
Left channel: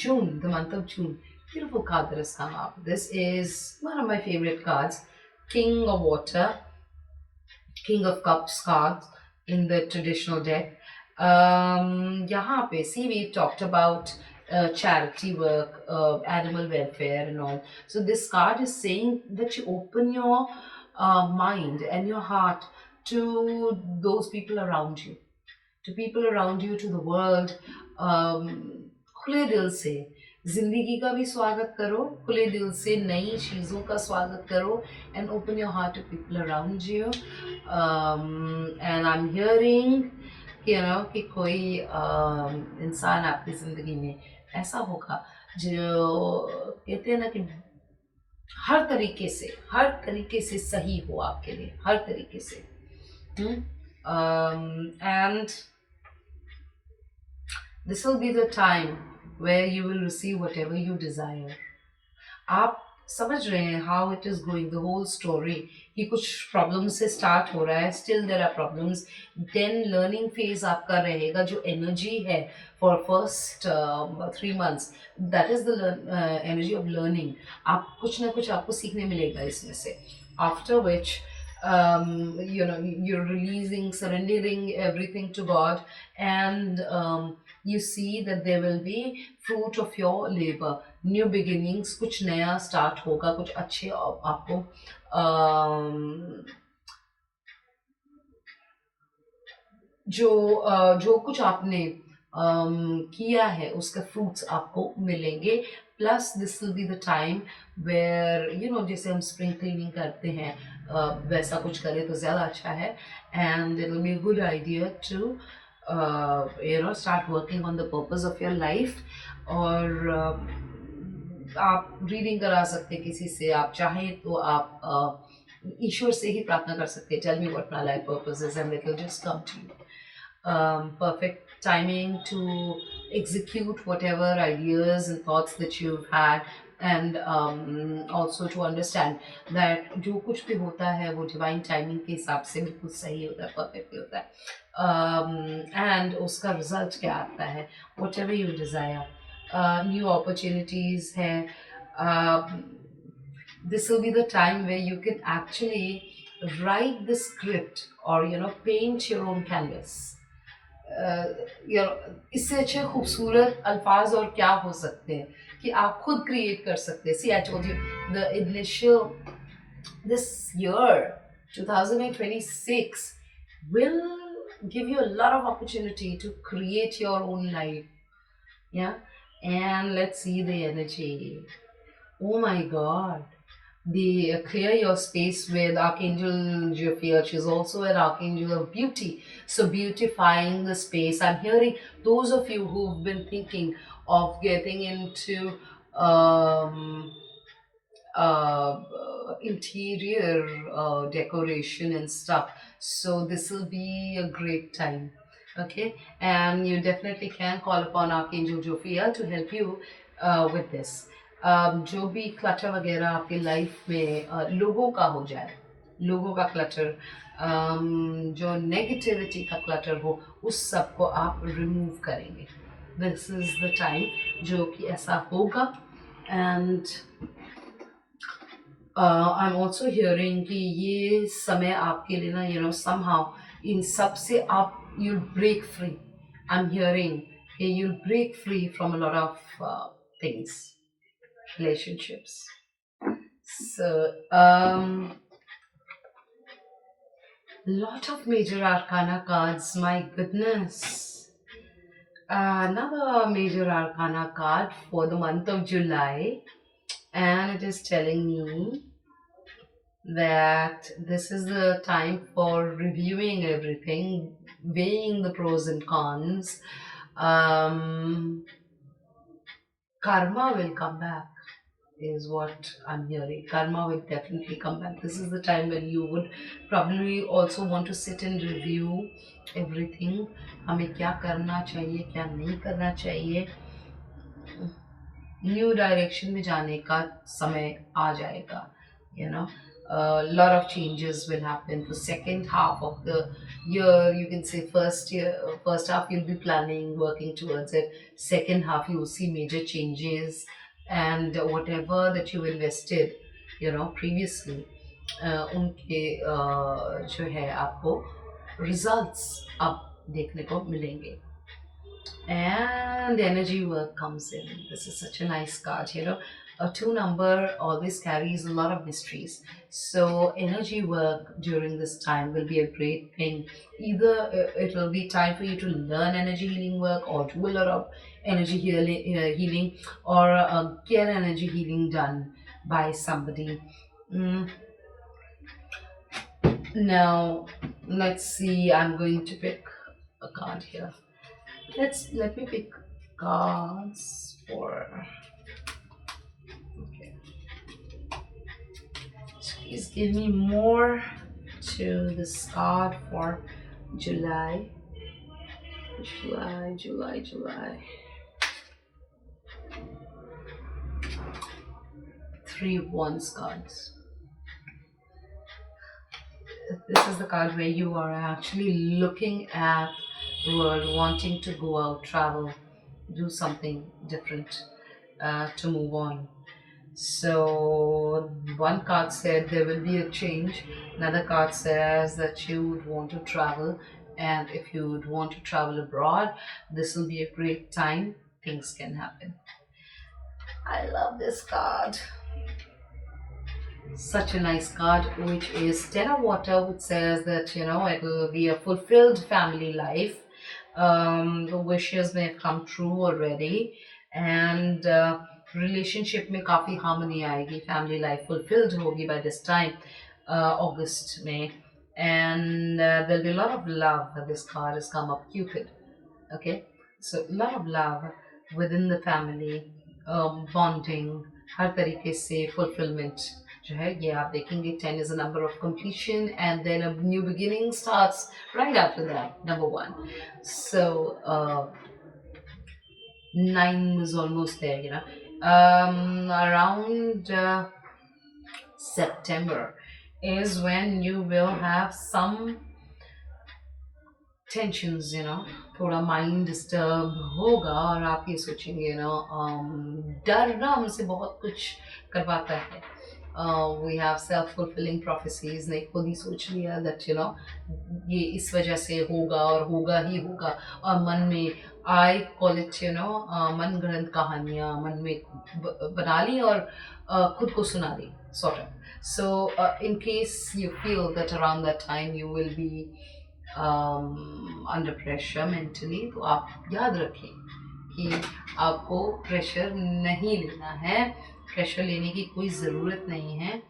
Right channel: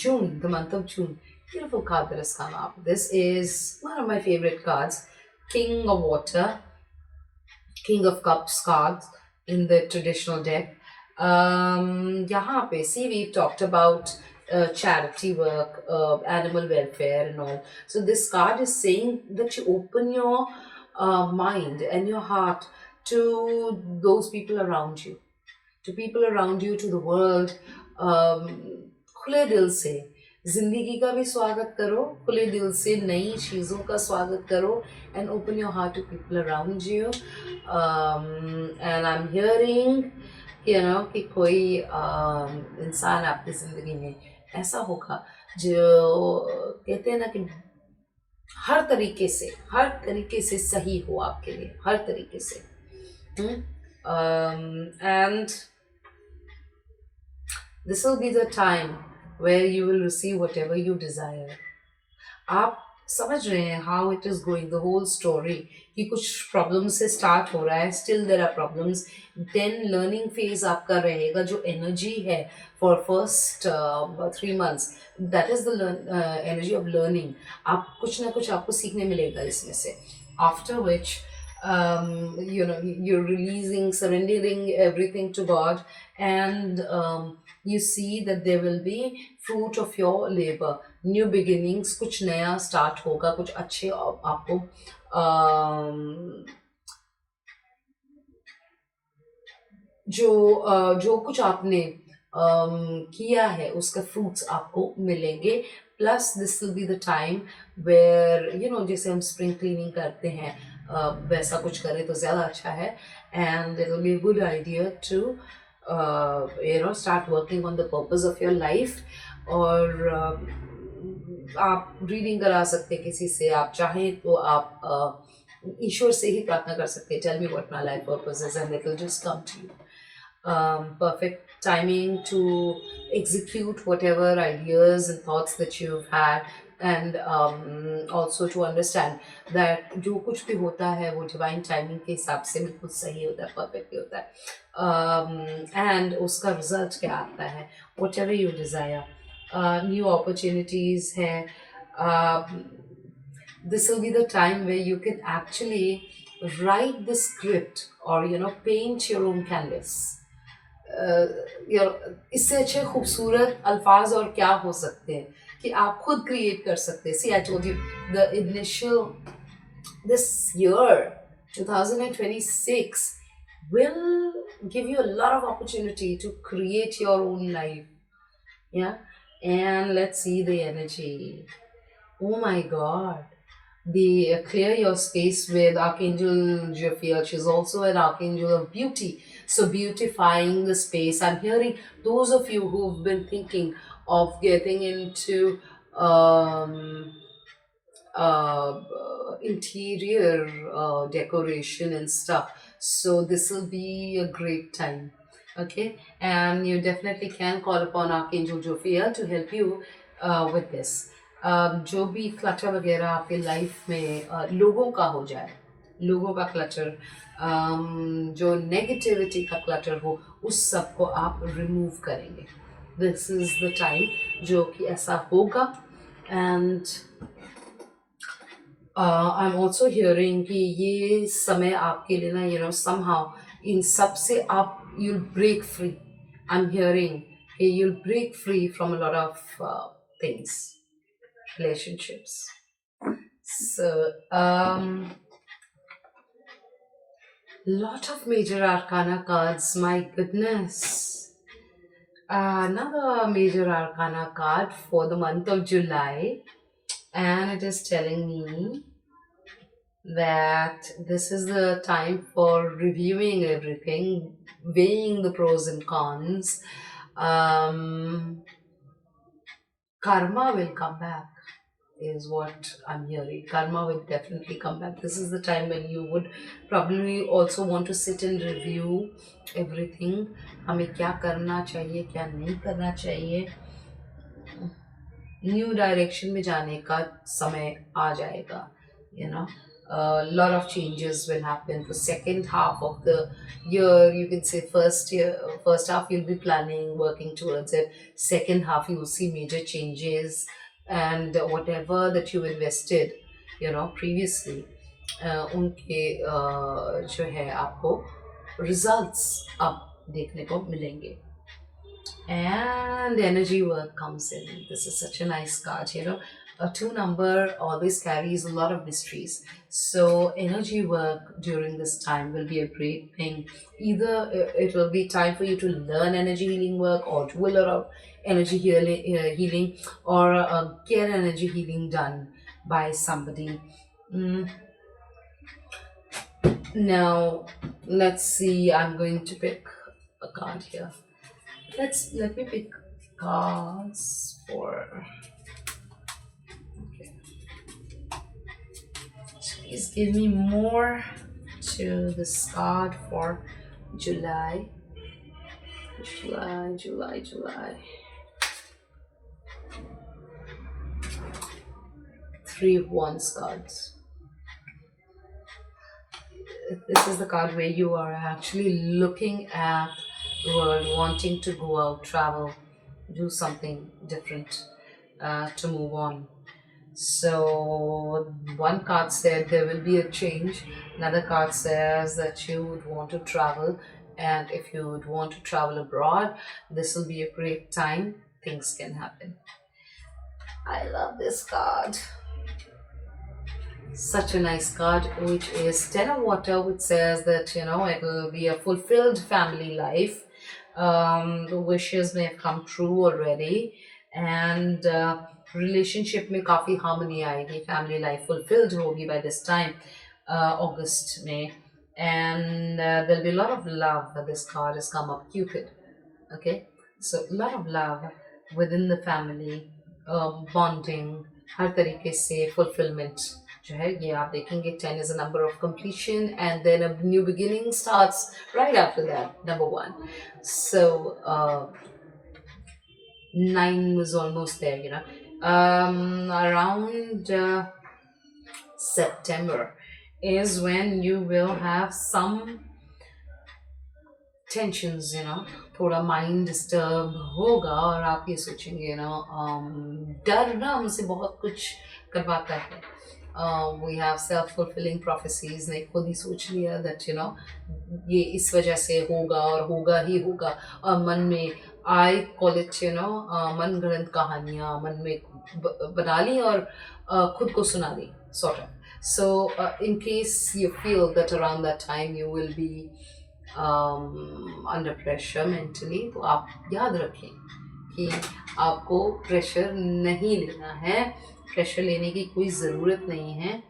June, the month of June, beautiful card that has come up. This is one of my favorite cards, King of Water, King of Cups cards in the traditional deck. यहाँ पे, see, we've talked about charity work, animal welfare and all. So this card is saying that you open your mind and your heart to those people around you, to the world। खुले दिल से जिंदगी का भी स्वागत करो, खुले दिल से नई चीज़ों का स्वागत करो, and open your heart to people around you. And I am hearing कि कोई इंसान आपकी ज़िंदगी में ऐसा होगा जो कहते हैं ना कि हर तरीके से सही हो आपके लिए, हर तरीके से। And this will be the time where you will receive whatever you desire। आप समझ रहे हैं how it is going, the whole story, कि कुछ प्रॉब्लम से स्टार्ट हो रहा है, still there are problems, then learning phase आपका रहेगा, जो एनर्जी है for first 3 months, that is the energy of learning। आप कुछ ना कुछ आपको सीखने मिलेगा इसमें से, after which you're releasing, surrendering everything to God, and you see that there will be fruit of your labor, new beginnings, कुछ नया start होगा, कुछ अच्छे आपको जो कुछ आपने किया है उसका फ्रूट्स आपको मिलेंगे. Plus this will be the time where जैसे हम स्प्रिंग क्लीनिंग करते हैं, वैसा कुछ करें तो ज़्यादा अच्छा है. And it will be good idea to start working on the purpose of your life. और आप रीडिंग करा सकते हैं किसी से, आप चाहें तो आप ईश्वर से ही प्रार्थना कर सकते हैं, tell me what my life purpose is and it will just come to you. Perfect timing to execute whatever ideas and thoughts that you've had, and also to understand that जो कुछ भी होता है वो divine timing के हिसाब से बिल्कुल सही होता है, perfect होता है. And उसका result क्या आता है, whatever you desire. New opportunities हैं. This will be the time where you can actually write the script or paint your own canvas. इससे अच्छे खूबसूरत अल्फाज और क्या हो सकते हैं कि आप खुद क्रिएट कर सकते हैं. See I told you the initial this year 2026 will give you a lot of opportunity to create your own life. Yeah. And let's see the energy. Oh my God. The clear your space with Archangel Jophiel. She's also an archangel of beauty, so beautifying the space. I'm hearing those of you who've been thinking of getting into interior decoration and stuff, so this will be a great time. Okay, and you definitely can call upon Archangel Jophiel to help you with this. जो भी क्लटर वगैरह आपकी लाइफ में लोगों का हो जाए, लोगों का क्लटर, जो नेगेटिविटी का क्लटर हो, उस सब को आप रिमूव करेंगे. दिस इज़ द टाइम जो कि ऐसा होगा. And I am also hearing कि ये समय आपके लिए ना somehow इन सब से आप you'll break free. I'm hearing you'll break free from a lot of things, relationships. So lot of major arcana cards, my goodness. Another major arcana card for the month of July, and it is telling me that this is the time for reviewing everything, weighing the pros and cons. Karma will come back, is what I'm hearing. Karma will definitely come back. This is the time when you would probably also want to sit and review everything. हमें क्या करना चाहिए, क्या नहीं करना चाहिए. New direction में जाने का समय आ जाएगा. A lot of changes will happen. The second half of the year, you can say first half you'll be planning, working towards it. Second half you'll see major changes, and whatever that you invested, previously, उनके जो है आपको results अब देखने को मिलेंगे. And energy work comes in. This is such a nice card. A 2 number always carries a lot of mysteries. So energy work during this time will be a great thing. Either it will be time for you to learn energy healing work, or do a lot of energy healing, or get energy healing done by somebody. Now, let's see. I'm going to pick a card here. Let me pick cards for. Okay. Please give me more to this card for July. July. 3 of Wands cards. This is the card where you are actually looking at the world, wanting to go out, travel, do something different, to move on. So one card said there will be a change. Another card says that you would want to travel and if you would want to travel abroad, this will be a great time. Things can happen. I love this card. Such a nice card, which is Ten of Water, which says that it will be a fulfilled family life. The wishes may have come true already, and relationship में काफी harmony आएगी, family life fulfilled होगी by this time, August में, and there'll be a lot of love. That this card has come up, Cupid. Okay, so a lot of love within the family, bonding, हर तरीके से fulfillment जो है ये आप देखेंगे. 10 is a number of completion, and then a new beginning starts right after that, number 1. So 9 was almost there. Around September is when you will have some tensions थोड़ा mind disturb होगा, और आप ये सोचेंगे डर ना हमसे बहुत कुछ करवाता है. We have self fulfilling prophecies ने खुद ही सोच लिया दैट ये इस वजह से होगा और होगा ही होगा, और मन में आई कॉल इट मन गढ़ंत कहानियाँ मन में बना ली और खुद को सुना the sort of. So in case you feel that around that time you will be under pressure mentally, तो आप याद रखें कि आपको प्रेशर नहीं लेना है, प्रेशर लेने की कोई ज़रूरत नहीं है.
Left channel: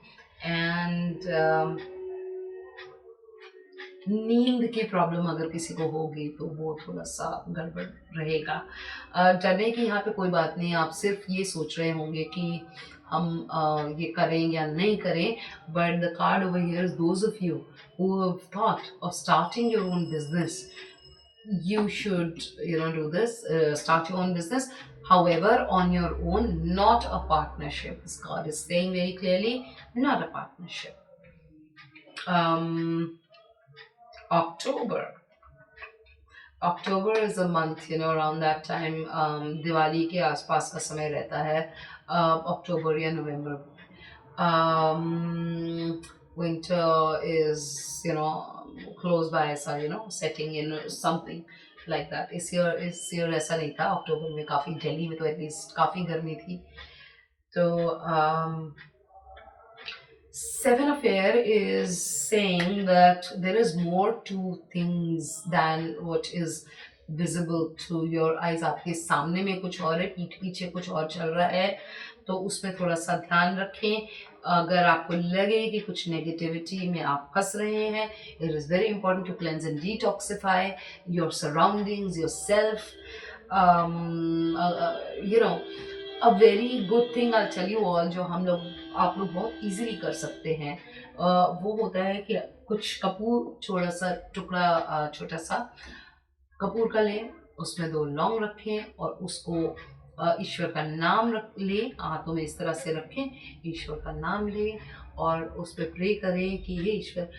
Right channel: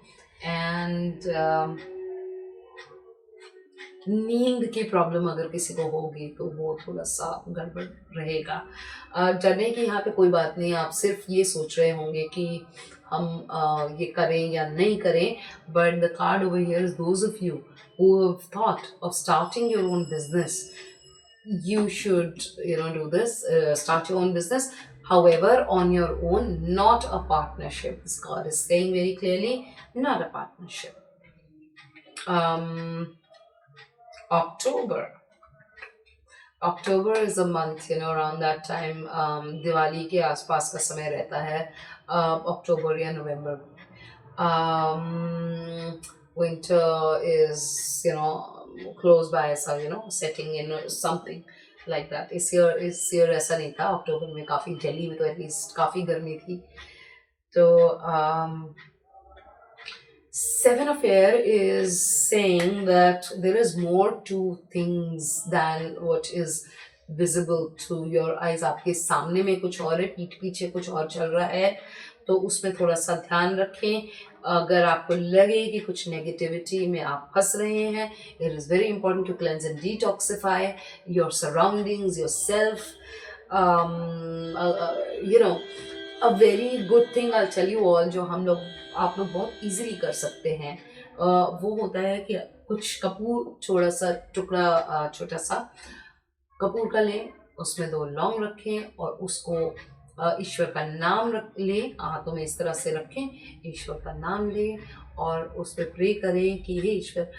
एंड नींद की प्रॉब्लम अगर किसी को होगी तो वो थोड़ा सा गड़बड़ रहेगा. डरने की यहाँ पे कोई बात नहीं, आप सिर्फ ये सोच रहे होंगे कि हम ये करें या नहीं करें. But the card over here is those of you who have thought of starting your own business. You should do this, start your own business, however on your own, not a partnership. This card is saying very clearly, not a partnership. October is a month, around that time Diwali के आसपास का समय रहता है, October या November. Winter is close by, so setting in something like that. इस year ऐसा नहीं था. अक्टूबर में काफ़ी दिल्ली में तो एटलीस्ट काफ़ी गर्मी थी. तो Seven of Air is saying that there is more to things than what is visible to your eyes. आपके सामने में कुछ और है, पीठ पीछे कुछ और चल रहा है, तो उसमें थोड़ा सा ध्यान रखें. अगर आपको लगे कि कुछ नेगेटिविटी में आप फंस रहे हैं, it is very important to cleanse and detoxify your surroundings, yourself. A very good thing I tell you all, जो आप लोग बहुत इजीली कर सकते हैं, वो होता है कि कुछ कपूर, छोटा सा कपूर का लें, उसमें 2 लौंग रखें और उसको ईश्वर का नाम लें, हाथों में इस तरह से रखें, ईश्वर का नाम लें और उस पर प्रे करें कि हे ईश्वर,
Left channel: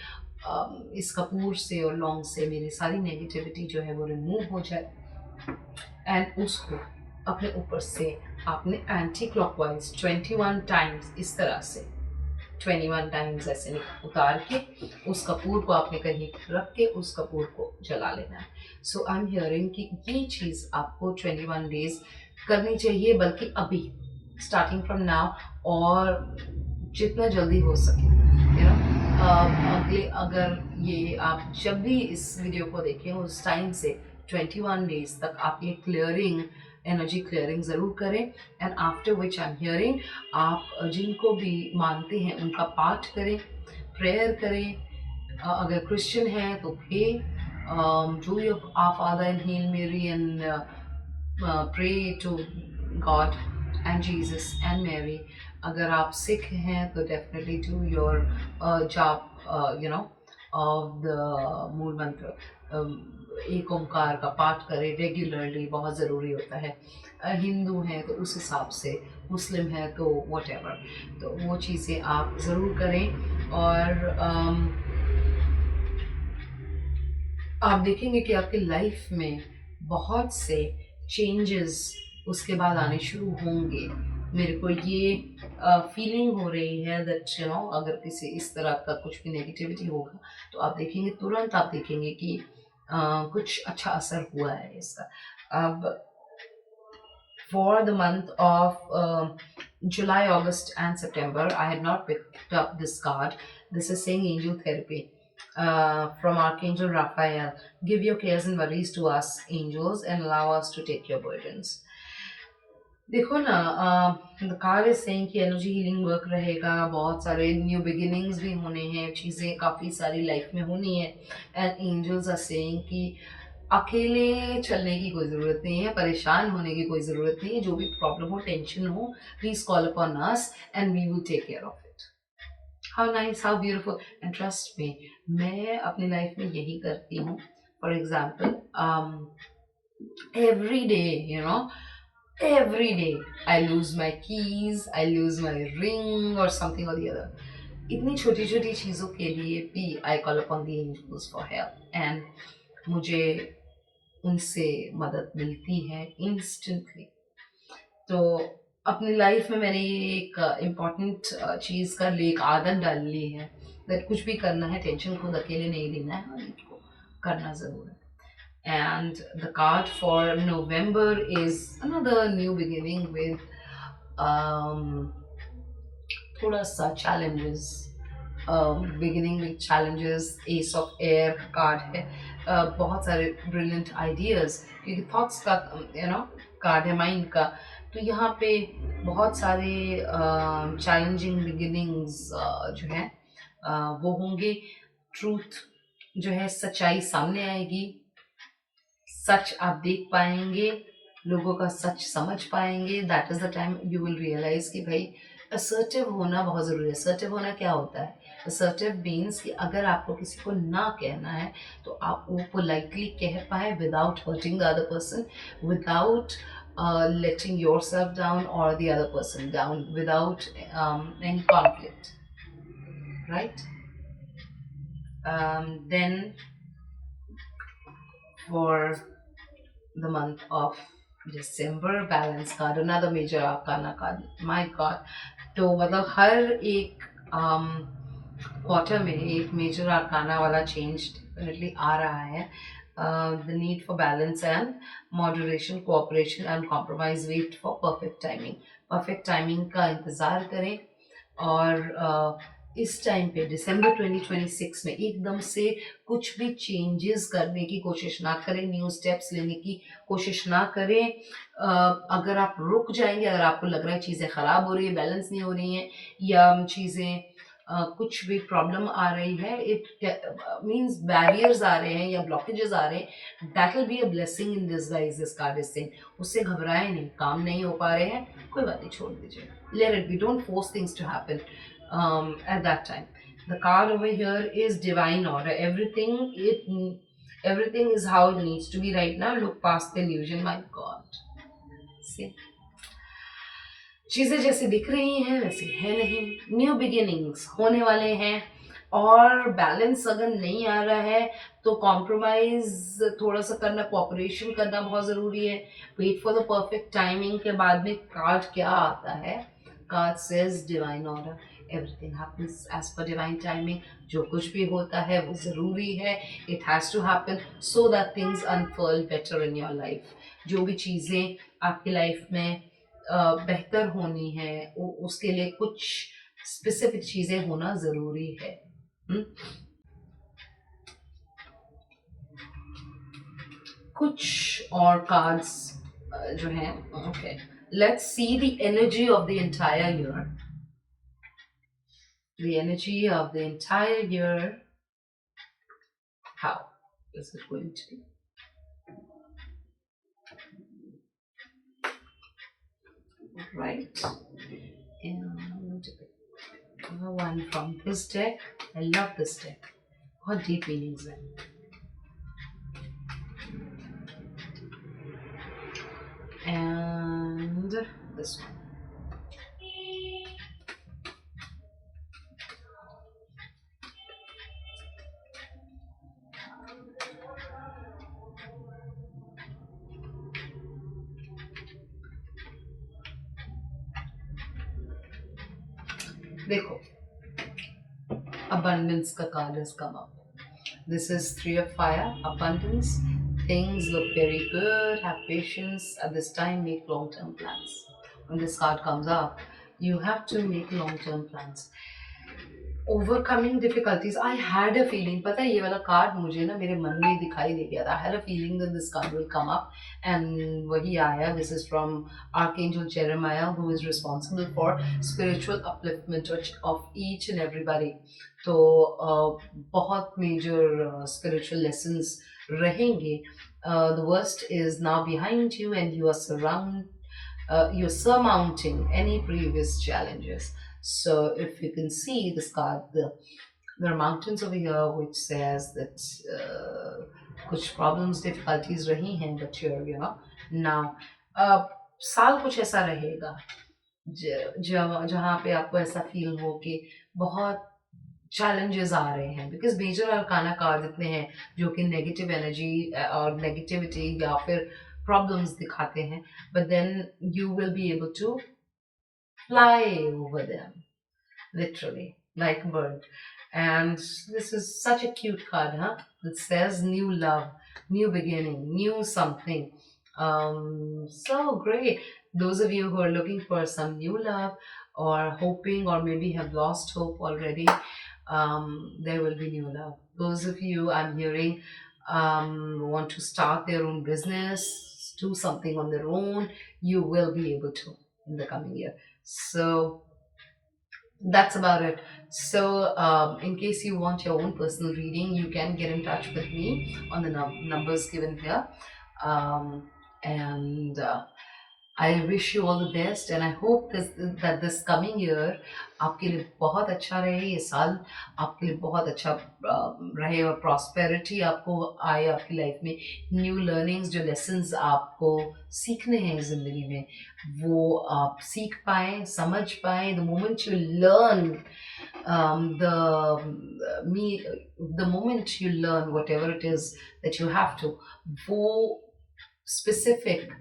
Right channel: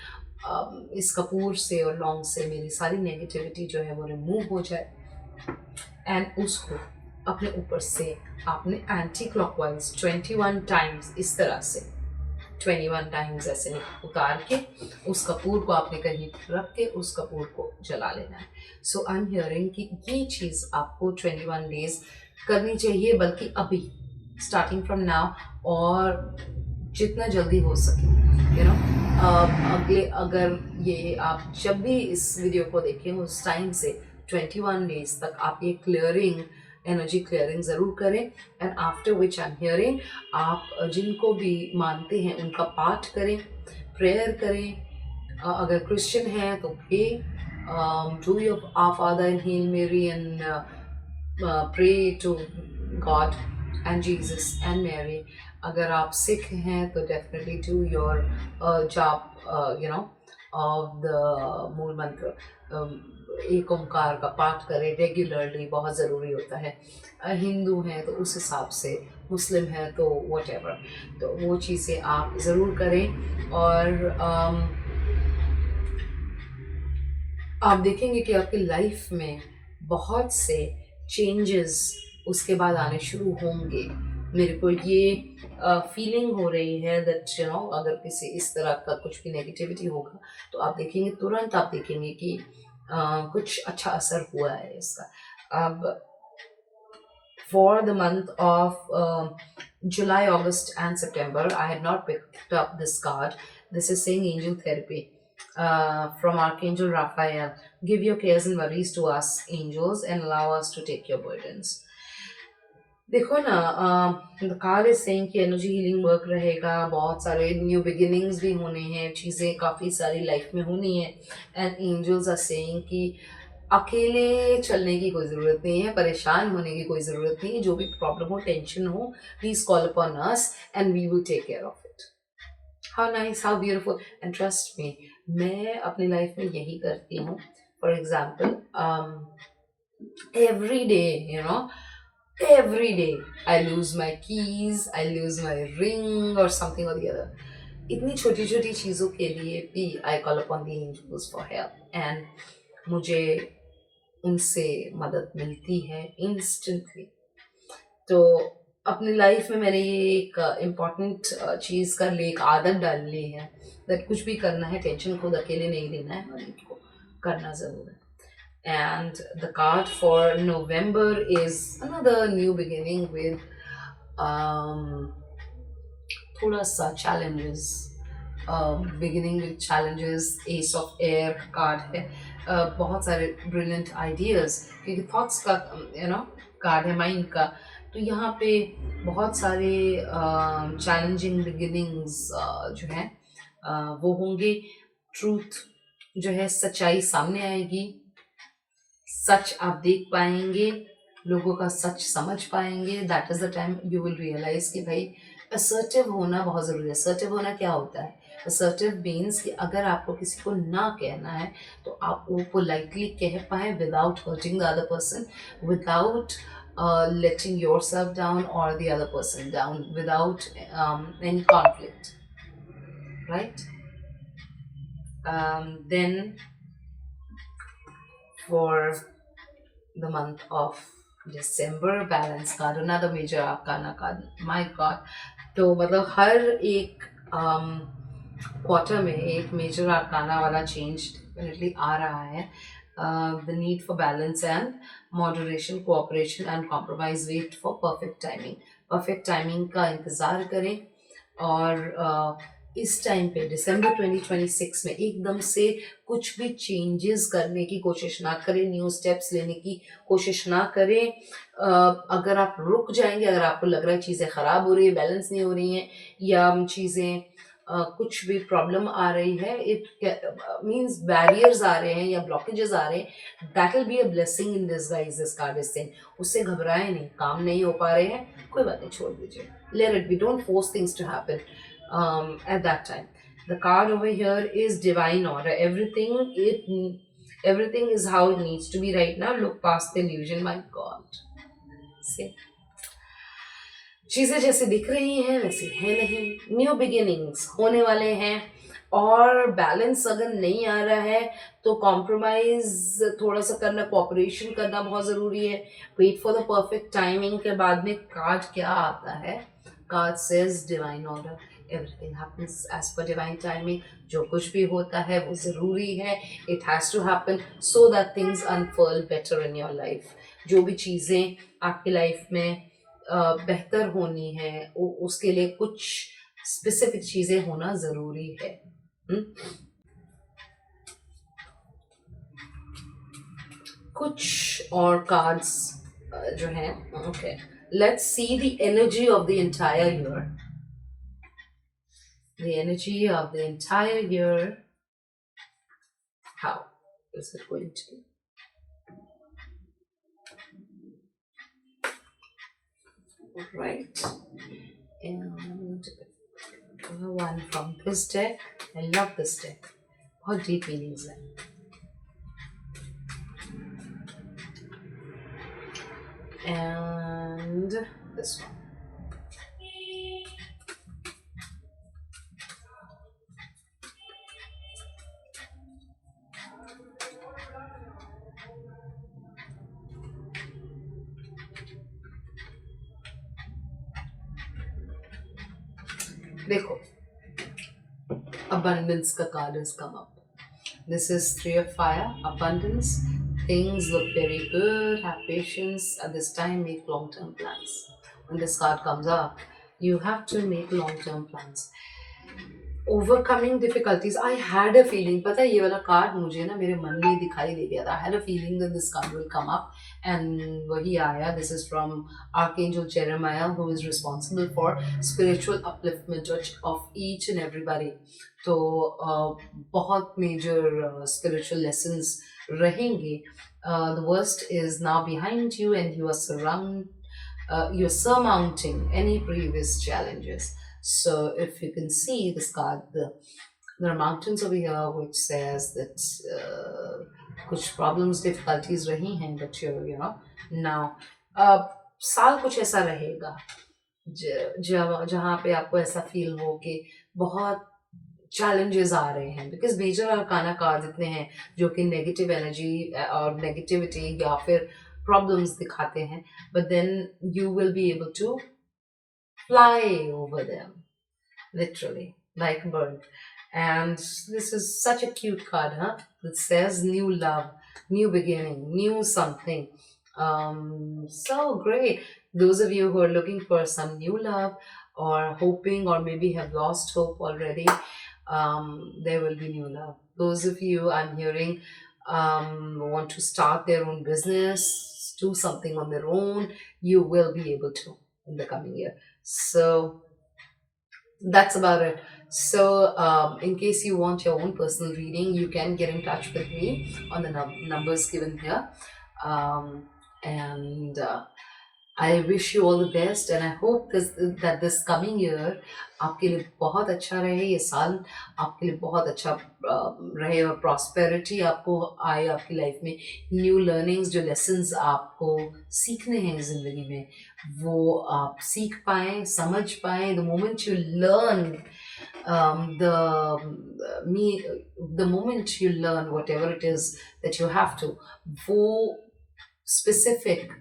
इस कपूर से और लौंग से मेरी सारी नेगेटिविटी जो है वो रिमूव हो जाए. एंड उसको अपने ऊपर से आपने एंटी क्लॉकवाइज 21 टाइम्स इस तरह से 21 टाइम्स ऐसे उतार के उस कपूर को आपने कहीं रख के उस कपूर को जला लेना है. सो आई एम हियरिंग कि ये चीज़ आपको 21 डेज करनी चाहिए, बल्कि अभी स्टार्टिंग फ्रॉम नाउ, और जितना जल्दी हो सके. अगर ये आप जब भी इस वीडियो को देखें उस टाइम से 21 डेज तक आप ये क्लियरिंग, एनर्जी क्लियरिंग ज़रूर करें. And after which I am hearing, आप जिनको भी मानते हैं उनका पाठ करें, प्रेयर करें. अगर क्रिश्चियन हैं तो pray, do your Our Father and Hail Mary and pray to God and Jesus and Mary. अगर आप सिख हैं तो डेफिनेटली डू योर जाप ऑफ द मूल मंत्र, एक ओंकार का पाठ करें रेगुलरली, बहुत ज़रूरी होता है. हिंदू हैं तो उस हिसाब से, मुस्लिम हैं तो व्हाटएवर, तो वो चीज़ें आप ज़रूर करें. और आप देखेंगे कि आपकी लाइफ में बहुत से चेंजेस उसके बाद आने शुरू होंगे. मेरे को ये फीलिंग हो रही है दैट अगर किसी इस तरह का कुछ भी नेगेटिविटी होगा तो आप देखेंगे, तुरंत आप देखेंगे कि कुछ अच्छा असर हुआ है इसका। अब for the month of July, August, and September, I had not picked up this card. This is saying angel therapy from Archangel Raphael. Give your cares and worries to us, angels, and allow us to take your burdens. देखो ना, the card is saying कि energy healing work रहेगा, बहुत सारे new beginnings भी होने हैं, चीज़ें काफ़ी सारी लाइफ में होनी है। एंड एंजल्स आर सेइंग कि अकेले चलने की कोई ज़रूरत नहीं है, परेशान होने की कोई ज़रूरत नहीं है। जो भी प्रॉब्लम हो, टेंशन हो, please call upon us and we will take care of it. How nice, how beautiful. And trust me, मैं अपनी लाइफ में यही करती हूँ। For example, every day, every day I lose my keys, I lose my ring or something or the other. इतनी छोटी छोटी चीज़ों के लिए भी I call upon the angels for help and मुझे उनसे मदद मिलती है instantly। तो अपनी लाइफ में मैंने ये एक इम्पॉर्टेंट चीज़ कर ली, एक आदत डाल ली है दैट कुछ भी करना है, टेंशन खुद अकेले नहीं लेना है और इनको करना ज़रूर है। And the card for November is another new beginning with थोड़ा सा challenges, beginning with challenges। Ace of Air card है, बहुत सारे brilliant ideas, क्योंकि thoughts का कार्ड है, माइंड का। तो यहाँ पे बहुत सारे challenging beginnings जो है वो होंगे। ट्रूथ जो है, सच्चाई सामने आएगी, सच आप देख पाएंगे, लोगों का सच समझ पाएंगे। That is the time you will realise कि भाई असर्टिव होना बहुत ज़रूरी है। असर्टिव होना क्या होता है? असर्टिव मीन्स कि अगर आपको किसी को ना कहना है तो आप वो पोलाइटली कह पाए without hurting the other person, without letting yourself down or the other person down, without any conflict, right? Then for the month of December, balance card, another major arcana card, my god। तो मतलब हर एक क्वार्टर में एक मेजर आर्काना वाला change definitely आ रहा है। The need for balance and moderation, cooperation and compromise, wait for perfect timing. Perfect timing का इंतज़ार करें और इस टाइम पे दिसंबर 2026 में एकदम से कुछ भी चेंजेस करने की कोशिश ना करें, न्यू स्टेप्स लेने की कोशिश ना करें। अगर आप रुक जाएंगे, अगर आपको लग रहा है चीज़ें ख़राब हो रही है, बैलेंस नहीं हो रही हैं, या चीज़ें कुछ भी प्रॉब्लम आ रही है, इट मीन्स बैरियर्स आ रहे हैं या ब्लॉकेजेस आ रहे हैं, that will be a blessing in disguise, this card is saying. उससे घबराए नहीं, काम नहीं हो पा रहे हैं, कोई बात नहीं, छोड़ दीजिए, let it be, don't force things to happen at that time। The card over here is divine order, everything is how it needs to be right now। Look past the illusion, my god। See, चीज़ें जैसे दिख रही हैं वैसे है नहीं, new beginnings होने वाले हैं। और बैलेंस अगर नहीं आ रहा है तो कॉम्प्रोमाइज थोड़ा सा करना, कोऑपरेशन करना बहुत ज़रूरी है। Wait for the perfect timing के बाद में कार्ड क्या आता है? Card says divine order, everything happens as per divine timing. जो कुछ भी होता है वो ज़रूरी है, it has to happen so that things unfurl better in your life. जो भी चीज़ें आपकी लाइफ में बेहतर होनी है, उसके लिए कुछ स्पेसिफिक चीज़ें होना ज़रूरी है। कुछ और कार्ड्स जो हैं, okay, let's see the energy of the entire year. The energy of the entire year, how is it going to be? Right, and one from this deck। I love this deck, बहुत deep meanings है। And this one। देखो, abundance का card has come up। This is Three of Fire, abundance. Things look very good. Have patience. At this time, make long-term plans. When this card comes up, you have to make long-term plans. Overcoming difficulties I had a feeling पता है ये वाला कार्ड मुझे ना मेरे मन में दिखाई दे गया था I had a feeling that this card will come up and वही आया this is from archangel Jeremiah who is responsible for spiritual upliftment of each and everybody तो बहुत मेजर स्पिरिचुअल लेसन्स रहेंगे the worst is now behind you and you are you're surmounting any previous challenges. So if you can see this card, there are mountains over here which says that कुछ problems, difficulties रही हैं, but you're now साल कुछ ऐसा रहेगा जहाँ पे आपको ऐसा फील हो कि बहुत चैलेंजेस आ रहे हैं बिकॉज मेजर अरकाना कार्ड इतने हैं जो कि नेगेटिव एनर्जी और नेगेटिविटी या फिर प्रॉब्लम्स दिखाते हैं but then you will be able to fly over them literally like a bird and this is such a cute card it says new love, new beginning, new something so great. Those of you who are looking for some new love or hoping or maybe have lost hope already, there will be new love. Those of you I'm hearing want to start their own business, do something on their own, you will be able to in the coming year. So that's about it. So in case you want your own personal reading, you can get in touch with me on the numbers given here, and I wish you all the best and I hope that this coming year आपके लिए बहुत अच्छा रहे ये साल आपके लिए बहुत अच्छा रहे और प्रॉस्पेरिटी आपको आए आपकी लाइफ में न्यू लर्निंग्स जो लेसन्स आपको सीखने हैं ज़िंदगी में वो आप सीख पाएँ समझ पाएँ the moment you learn the moment you learn whatever it is that you have to वो स्पेसिफिक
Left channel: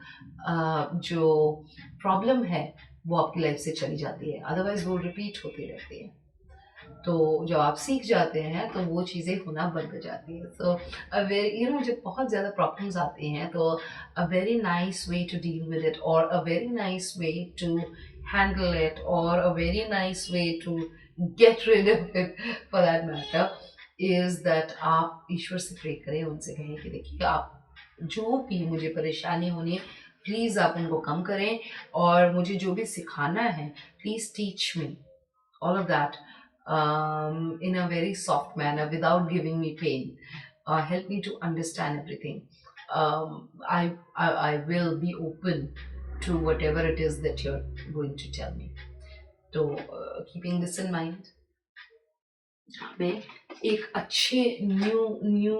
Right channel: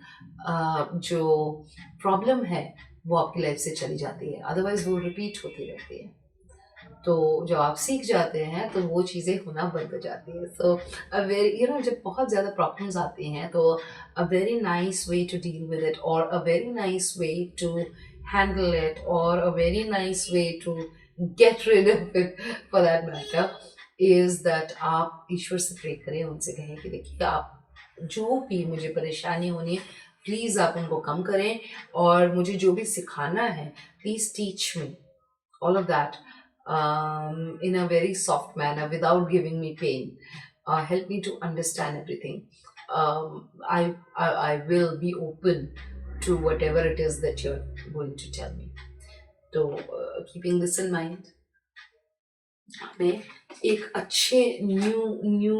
जो प्रॉब्लम है वो आपकी लाइफ से चली जाती है अदरवाइज वो रिपीट होती रहती है तो जब आप सीख जाते हैं तो वो चीज़ें होना बंद हो जाती है सो अ वेरी जब बहुत ज़्यादा प्रॉब्लम्स आती हैं तो a very nice way to deal with it और a very nice way to handle it और a very nice way to get rid of it for that matter is that आप ईश्वर से प्रे करें उनसे कहें कि देखिए आप जो भी मुझे परेशानी होनी है प्लीज़ आप उनको कम करें और मुझे जो भी सिखाना है please teach me all of that in a very soft manner without giving me pain. Help me to understand everything. I will be open to whatever it is that you're going to tell me. So keeping this in mind, हमें एक अच्छे new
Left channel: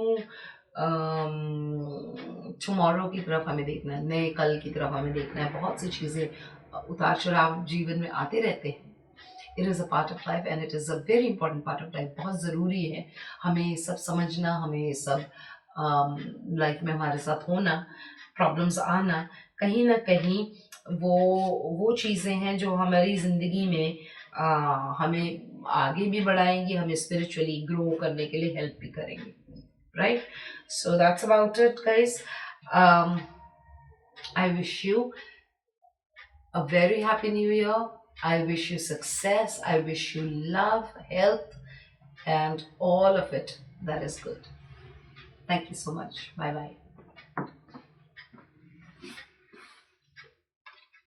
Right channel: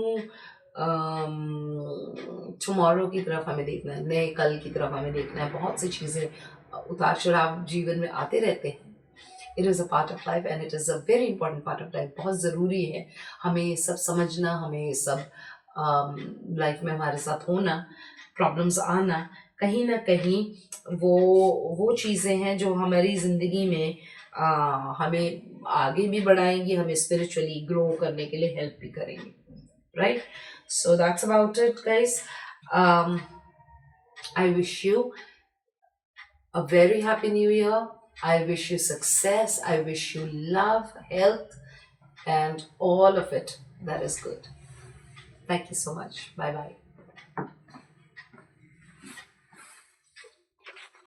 tomorrow की तरफ हमें देखना है नए कल की तरफ हमें देखना है बहुत सी चीज़ें उतार चढ़ाव जीवन में आते रहते हैं it is a part of life and it is a very important part of life बहुत ज़रूरी है हमें ये सब समझना हमें ये सब लाइफ में हमारे साथ होना प्रॉब्लम्स आना कहीं ना कहीं वो चीज़ें हैं जो हमारी ज़िंदगी में हमें आगे भी बढ़ाएंगी हमें स्पिरिचुअली ग्रो करने के लिए हेल्प भी करेंगे right so that's about it guys I wish you a very happy new year I wish you success I wish you love health and all of it that is good thank you so much bye bye